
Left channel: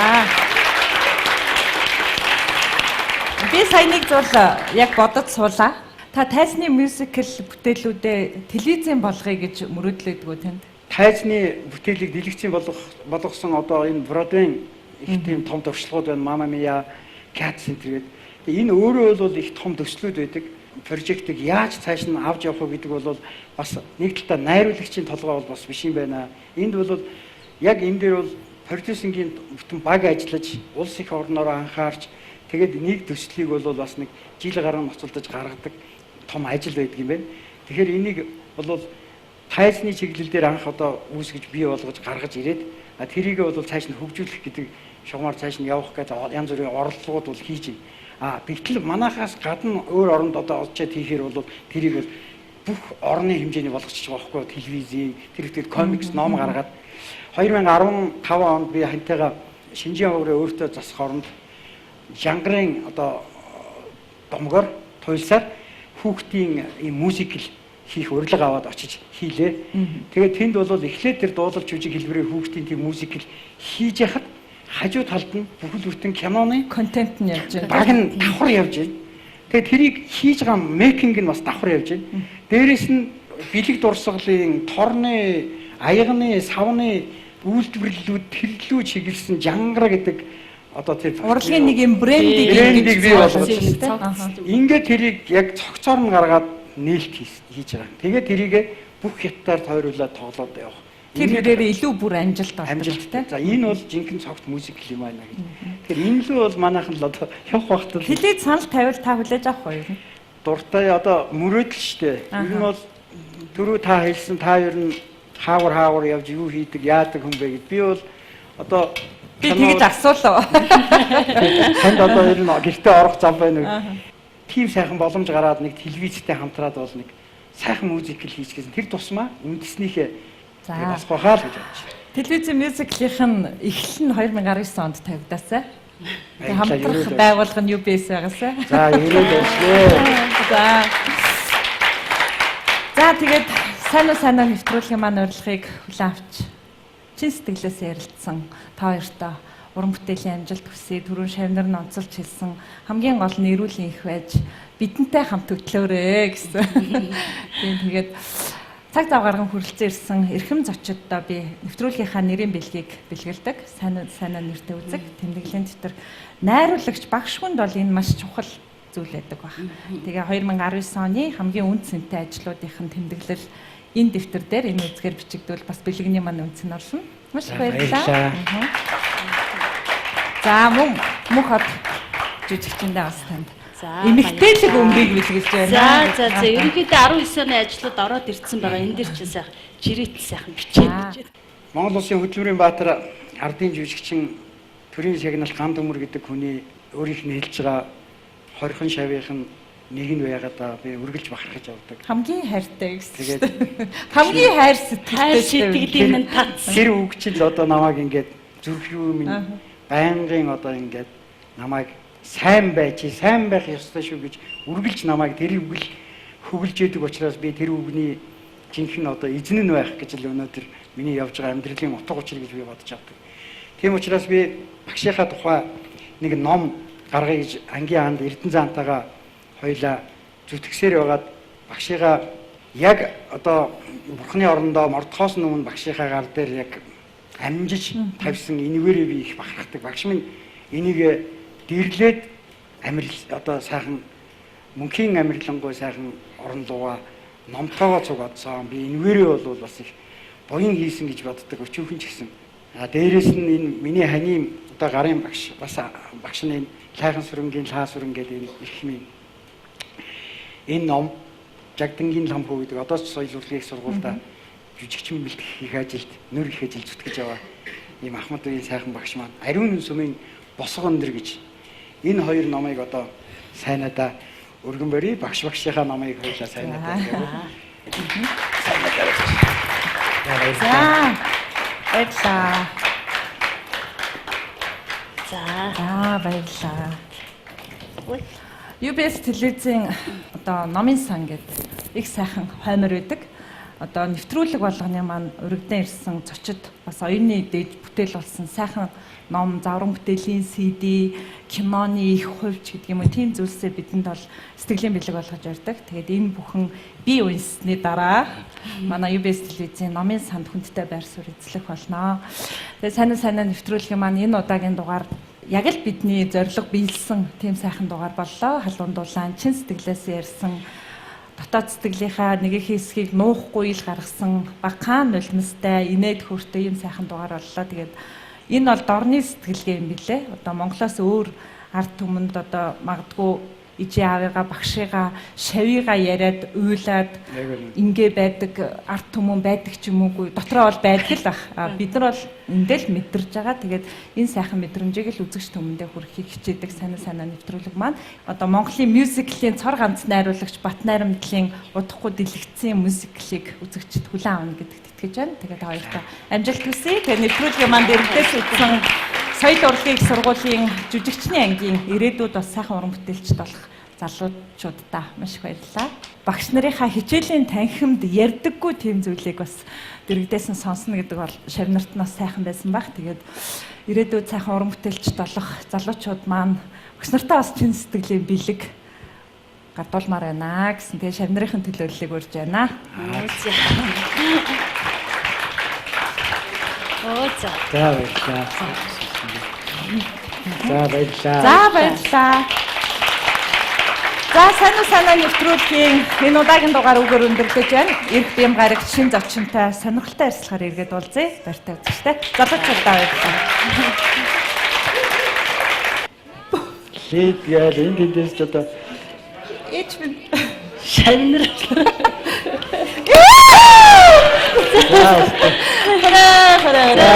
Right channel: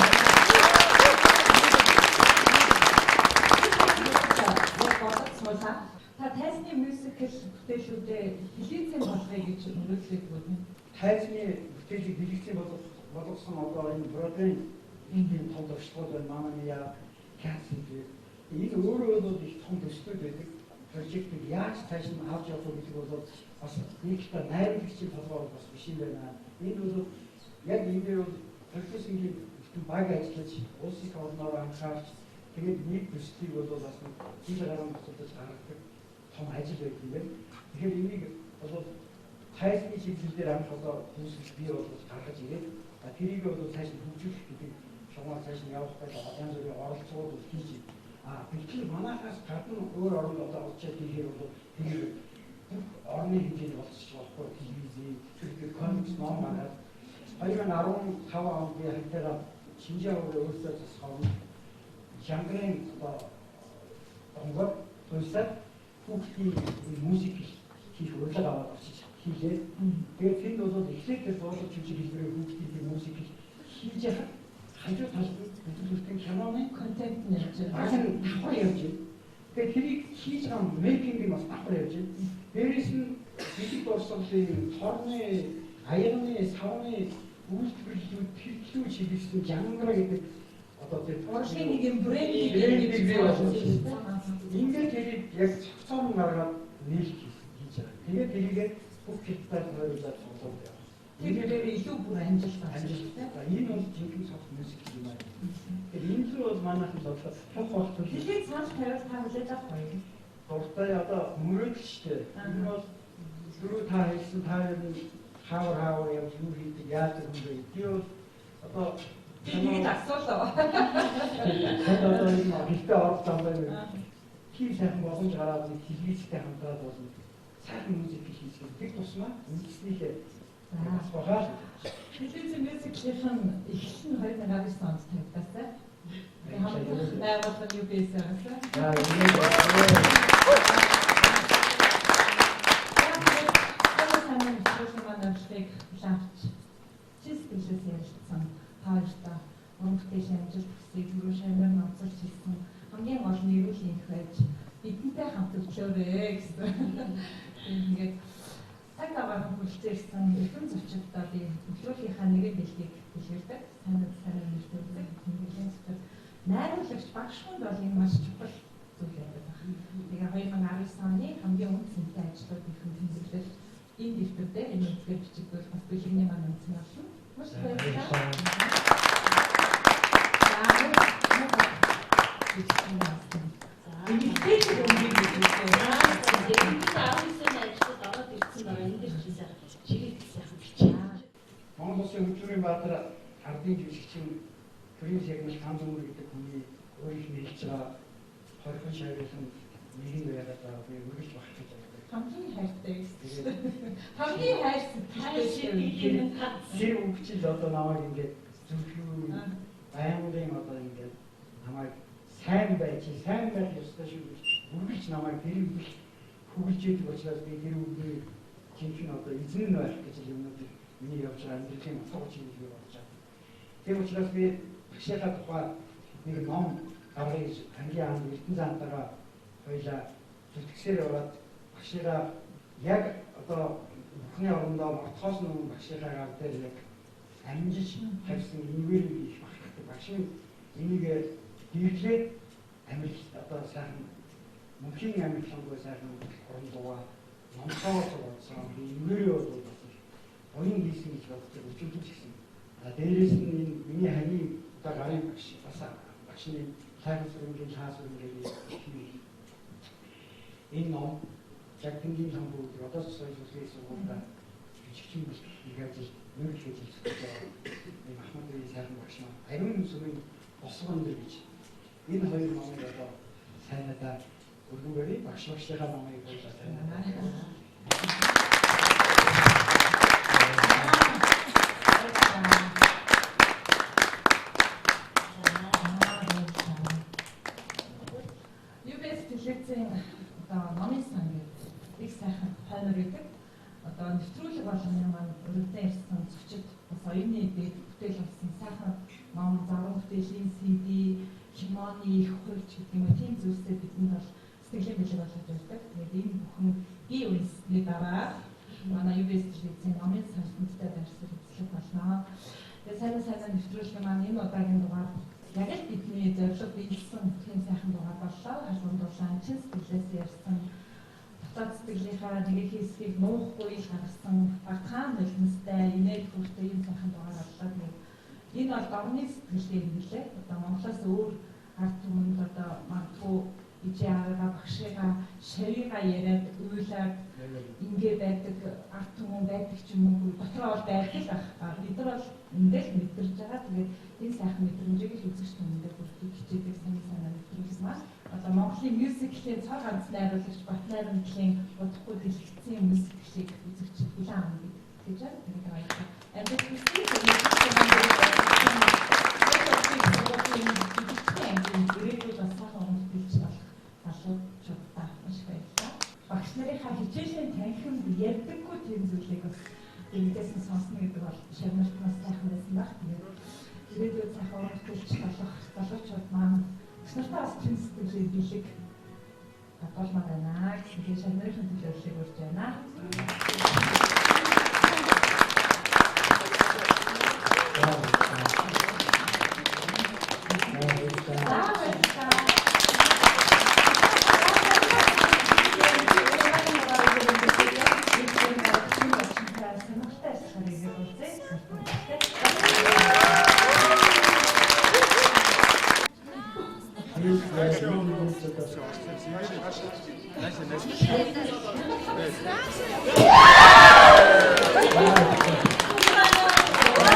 Би сая нэг зүйл яг бодож суулаа. Та тайзны мюзикл бүтээлүүдээ телевизэн болгоё гэж мөрөөдлөдгөө танд. Тайзны бүтээлийг дэлгэцийн болгосон одоо энэ Бродвейн их тийм том туршлагууд байна. Мама Мия, Cats гэдэг. Энэ өөрөө бол их том төслүүд байдаг. Прожектыг яаж цааш нь авч явах вэ гэдэг бол бас нэг талаа найруулагчийн толгой бол бас биш юм байна. Энд бол яг энэ дээр бол продюсингийн бүтэн баг ажиллаж улс их орноор анхаарч тэгээд нэг төслийг бол бас нэг жил гарan ноцолдож гаргадаг том ажил байдаг юм байна. Тэгэхээр энийг бол тайзны чиглэл дээр анх одоо үүсгэж бий болгож гаргаж ирээд тэрийг бол цааш нь хөгжүүлэх гэдэг шугамар цааш нь явах гэж янз бүрийн оролдлогууд бол хийж байна. Гэтэл манайхаас гадна өөр оронд одоо олчаад хийхээр бол тэрийг бол бүх орны хэмжээний болгочих байгаа байхгүй телевизийн тэр ихтэй комикс ном гаргаад 2015 онд би хантайгаа Шинжийн хуврын өөртөө засах оронд Жангарын одоо домгоор туйлсаар хүүхдийн ийм мюзикл хийх урилга аваад очиж хийлээ. Тэгээд тэнд бол эхлээд тэр дуулалч жүжиг хэлбэрээр хүүхдийн тийм мюзикл хийж яхад хажуу талд нь бүхэл бүтэн киноны контент нь явж байна. Баг нь давхар явж байна. Тэгээ тэрийг хийж байгаа мейкинг нь бас давхар явж байна. Дээрээс нь бэлэг дурсгалын, торны, аягны, савны үйлдвэрлэлүүд тэрлүү чиглэсэн жангара гэдэг одоо тэр урлагийн нэг юм брендийг бий болгож ингээд тэрийг яг цогцоор нь гаргаад нээлт хийж байгаа. Тэгээд тэрийг бүх хятадаар тойруулаад тоглоод явах. Тэр хэрээр илүү бүр амжилт амжилттай. За энэ бол жинхэнэ цогт музик юм байна гэх. Тэгэхээр энэ л бол манайхан л одоо явах багт хэлээд санал тавил та хүлээж авах уу? Дуртай одоо мөрөөдөл штэ. Энэ нь бол түрүү та хэлсэн та ер нь хаавар явж юу хийдэг, яадаг хүн бэ гэд. Би бол одоо би тэгж асуулаа. Танд одоо ер нь гэртээ орох зам байна уу? Тийм сайхан боломж гараад нэг телевизтэй хамтраад бол нэг сайхан музикл хийж гэсэн. Тэр тусмаа үндэснийхээ бас гохаал гэж бодож байна. Телевизийн мюзиклийнх нь эхлэл нь 2019 онд тавигдаасан. Тэгээ хамтрах байгууллага нь UBS байгаасаа. За ирээд байна. За тэгээд сайн нэвтрүүлгийн маань урилгыг хүлээн авч чин сэтгэлээс ярилцсан та хоёртаа уран бүтээлийн амжилт хүсье. Түрүүн Шавнар нь онцолж хэлсэн хамгийн гол нь эрүүл их байж бидэнтэй хамт хөтлөөрэй гэсэн. Тэгээд цаг зав гарган хүрэлцэн ирсэн эрхэм зочдоо би нэвтрүүлгийнхаа нэрийн бэлгийг бэлгэлдэг. Сайн нэртэй үзэг тэмдэглэлийн дотор найруулагч багш хүнд бол энэ маш чухал зүйл байдаг баг. Тэгээ 2019 оны хамгийн үн цэнтэй ажлуудын тэмдэглэл энэ дэвтэр дээр энэ үзгээр бичигдвэл бас бэлгэний маань үнц нь орно. Маш баярлалаа. За мөн хот жижигчэндээ бас танд. Эмэгтэйлэг өмгийг бэлгэлж байна. За ерөнхийдөө 19 оны ажлууд ороод ирсэн байгаа. Энэ дэр чинь сайхан жирээт сайхан бичээд. Монгол Улсын хөдөлмөрийн баатар ардын жүжигчин төрийн шагнал ган төмөр гэдэг хүний өөрийнх нь хэлж байгаа хорхон шавийнх нь нэг нь байгаад би үргэлж бахархаж явдаг. Хамгийн хайртай гэсэн. Хамгийн хайр сэтгэлтэй нь татсан. Тэр үг чинь одоо намайг ингээд зүрх юу минь байнгын одоо ингээд намайг сайн байж сайн байх ёстой шүү гэж үргэлж намайг тэр үг л хөглж яадаг учраас би тэр үгний жинхэнэ одоо эзэн нь байх гэж л өнөөдөр миний явж байгаа амьдралын утга учир гэж би бодож авдаг. Тийм учраас би багшийнхаа тухай нэг ном гаргая гэж ангийн хаанд Эрдэнэ заантайгаа хоёлаа зүтгэсээр байгаад багшигаа яг одоо бурхны орондоо мордохоос өмнө багшийнхаа гар дээр яг амжиж тавьсан энэвэрээ би их бахархдаг. Багш минь энийг дэрлээд амьдрал одоо сайхан мөнхийн амьдралангуй сайхан орон лугаа номтойгоо цугаадсан. Би энэвэрээ бол бас их буян хийсэн гэж боддог өчүүхэн ч гэсэн. Дээрээс нь энэ миний ханийн одоо гарын багш бас багш нь Лайхан сүрэнгийн лаа сүрэн гэдэг их минь энэ ном Жагдангийн лам хөө гэдэг одоо ч соёл урлагийн сургуультай жүжигчин бэлтгэх их ажилд нөр их ажил зүтгэж яваа ийм Ахмад үеийн сайхан багш маань Ариун сүмийн босго өндөр гэж энэ хоёр номыг одоо сайнадаа өргөн барий багшийнхаа номыг хоёлаа сайнадаа гэвэл баярлалаа. Баярлалаа. UBS телевизийн одоо номын сан гэдэг их сайхан хоймор байдаг. Одоо нэвтрүүлэг болгоны маань өргөдөн ирсэн зочид бас оюуны дээд бүтээл болсон сайхан ном, завран бүтээлийн CD, киноны их хувьч гэдэг юм уу тийм зүйлсээ бидэнд бол сэтгэлийн бэлэг болгож ярьдаг. Тэгээд энэ бүхэн би унсны дараа манай UBS телевизийн номын санд хүндтэй байр суурь эзлэх болно. Тэгээд сайн нэвтрүүлгийн маань энэ удаагийн дугаар яг л бидний зорилго биелсэн тийм сайхан дугаар боллоо. Халуун дулаан чин сэтгэлээс ярьсан дотоод сэтгэлийнхаа нэг их хэсгийг нуухгүй ил гаргасан багаан нулимстай инээд хөөртэй юм сайхан дугаар боллоо. Тэгээд энэ бол дорны сэтгэлгээ юм билээ. Одоо Монголоос өөр ард түмэнд одоо магадгүй ижи аавыгаа багшигаа шавьяга яриад уйлаад ингээ байдаг ард түмэн байдаг ч юм уугүй дотроо бол байдаг л ах. Бид нар бол эндэл мэдэрж байгаа. Тэгээд энэ сайхан мэдрэмжийг л үзэгч түмэндээ хүргэхийг хичээдэг сайн нэвтрүүлэг маань одоо Монголын мюзиклийн цор ганц найруулагч Бат Найрамдлын удахгүй дэлгэцсэн мюзиклийг үзэгчд хүлээн авна гэдэгт итгэж байна. Тэгээд хоёроо амжилт хүсье. Тэгээд нэвтрүүлгийн маань дэрэгдээс үлдсэн соёл урлагийн сургуулийн жүжигчний ангийн ирээдүйд бас сайхан уран бүтээлчд болох залуучуудаа маш их баярлалаа. Багш нарынхаа хичээлийн танхимд ярьдаггүй тийм зүйлийг бас дэрэгдээс нь сонсно гэдэг бол Шавнарт нас сайхан байсан баг. Тэгээд ирээдүйд сайхан уран бүтээлч болох залуучууд маань багш нартаа бас чин сэтгэлийн бэлэг гадуулмаар байна гэсэн. Тэгээд Шавнарын төлөөллийг урьж байна. За баярлалаа. За баярлалаа. За баярлалаа. За санаа нэвтрүүлгийн энэ удаагийн дугаар үгээр өндөрлөж байна. Ирэх юм гараг шин зочинтой сонирхолтой ярилцлагаар иргэд уулзъя. Баяртай үзэгчтэй. Залуучуудаа баярлалаа. Лид яа эндээс ч одоо Эчмэн Шавнар. Хараа.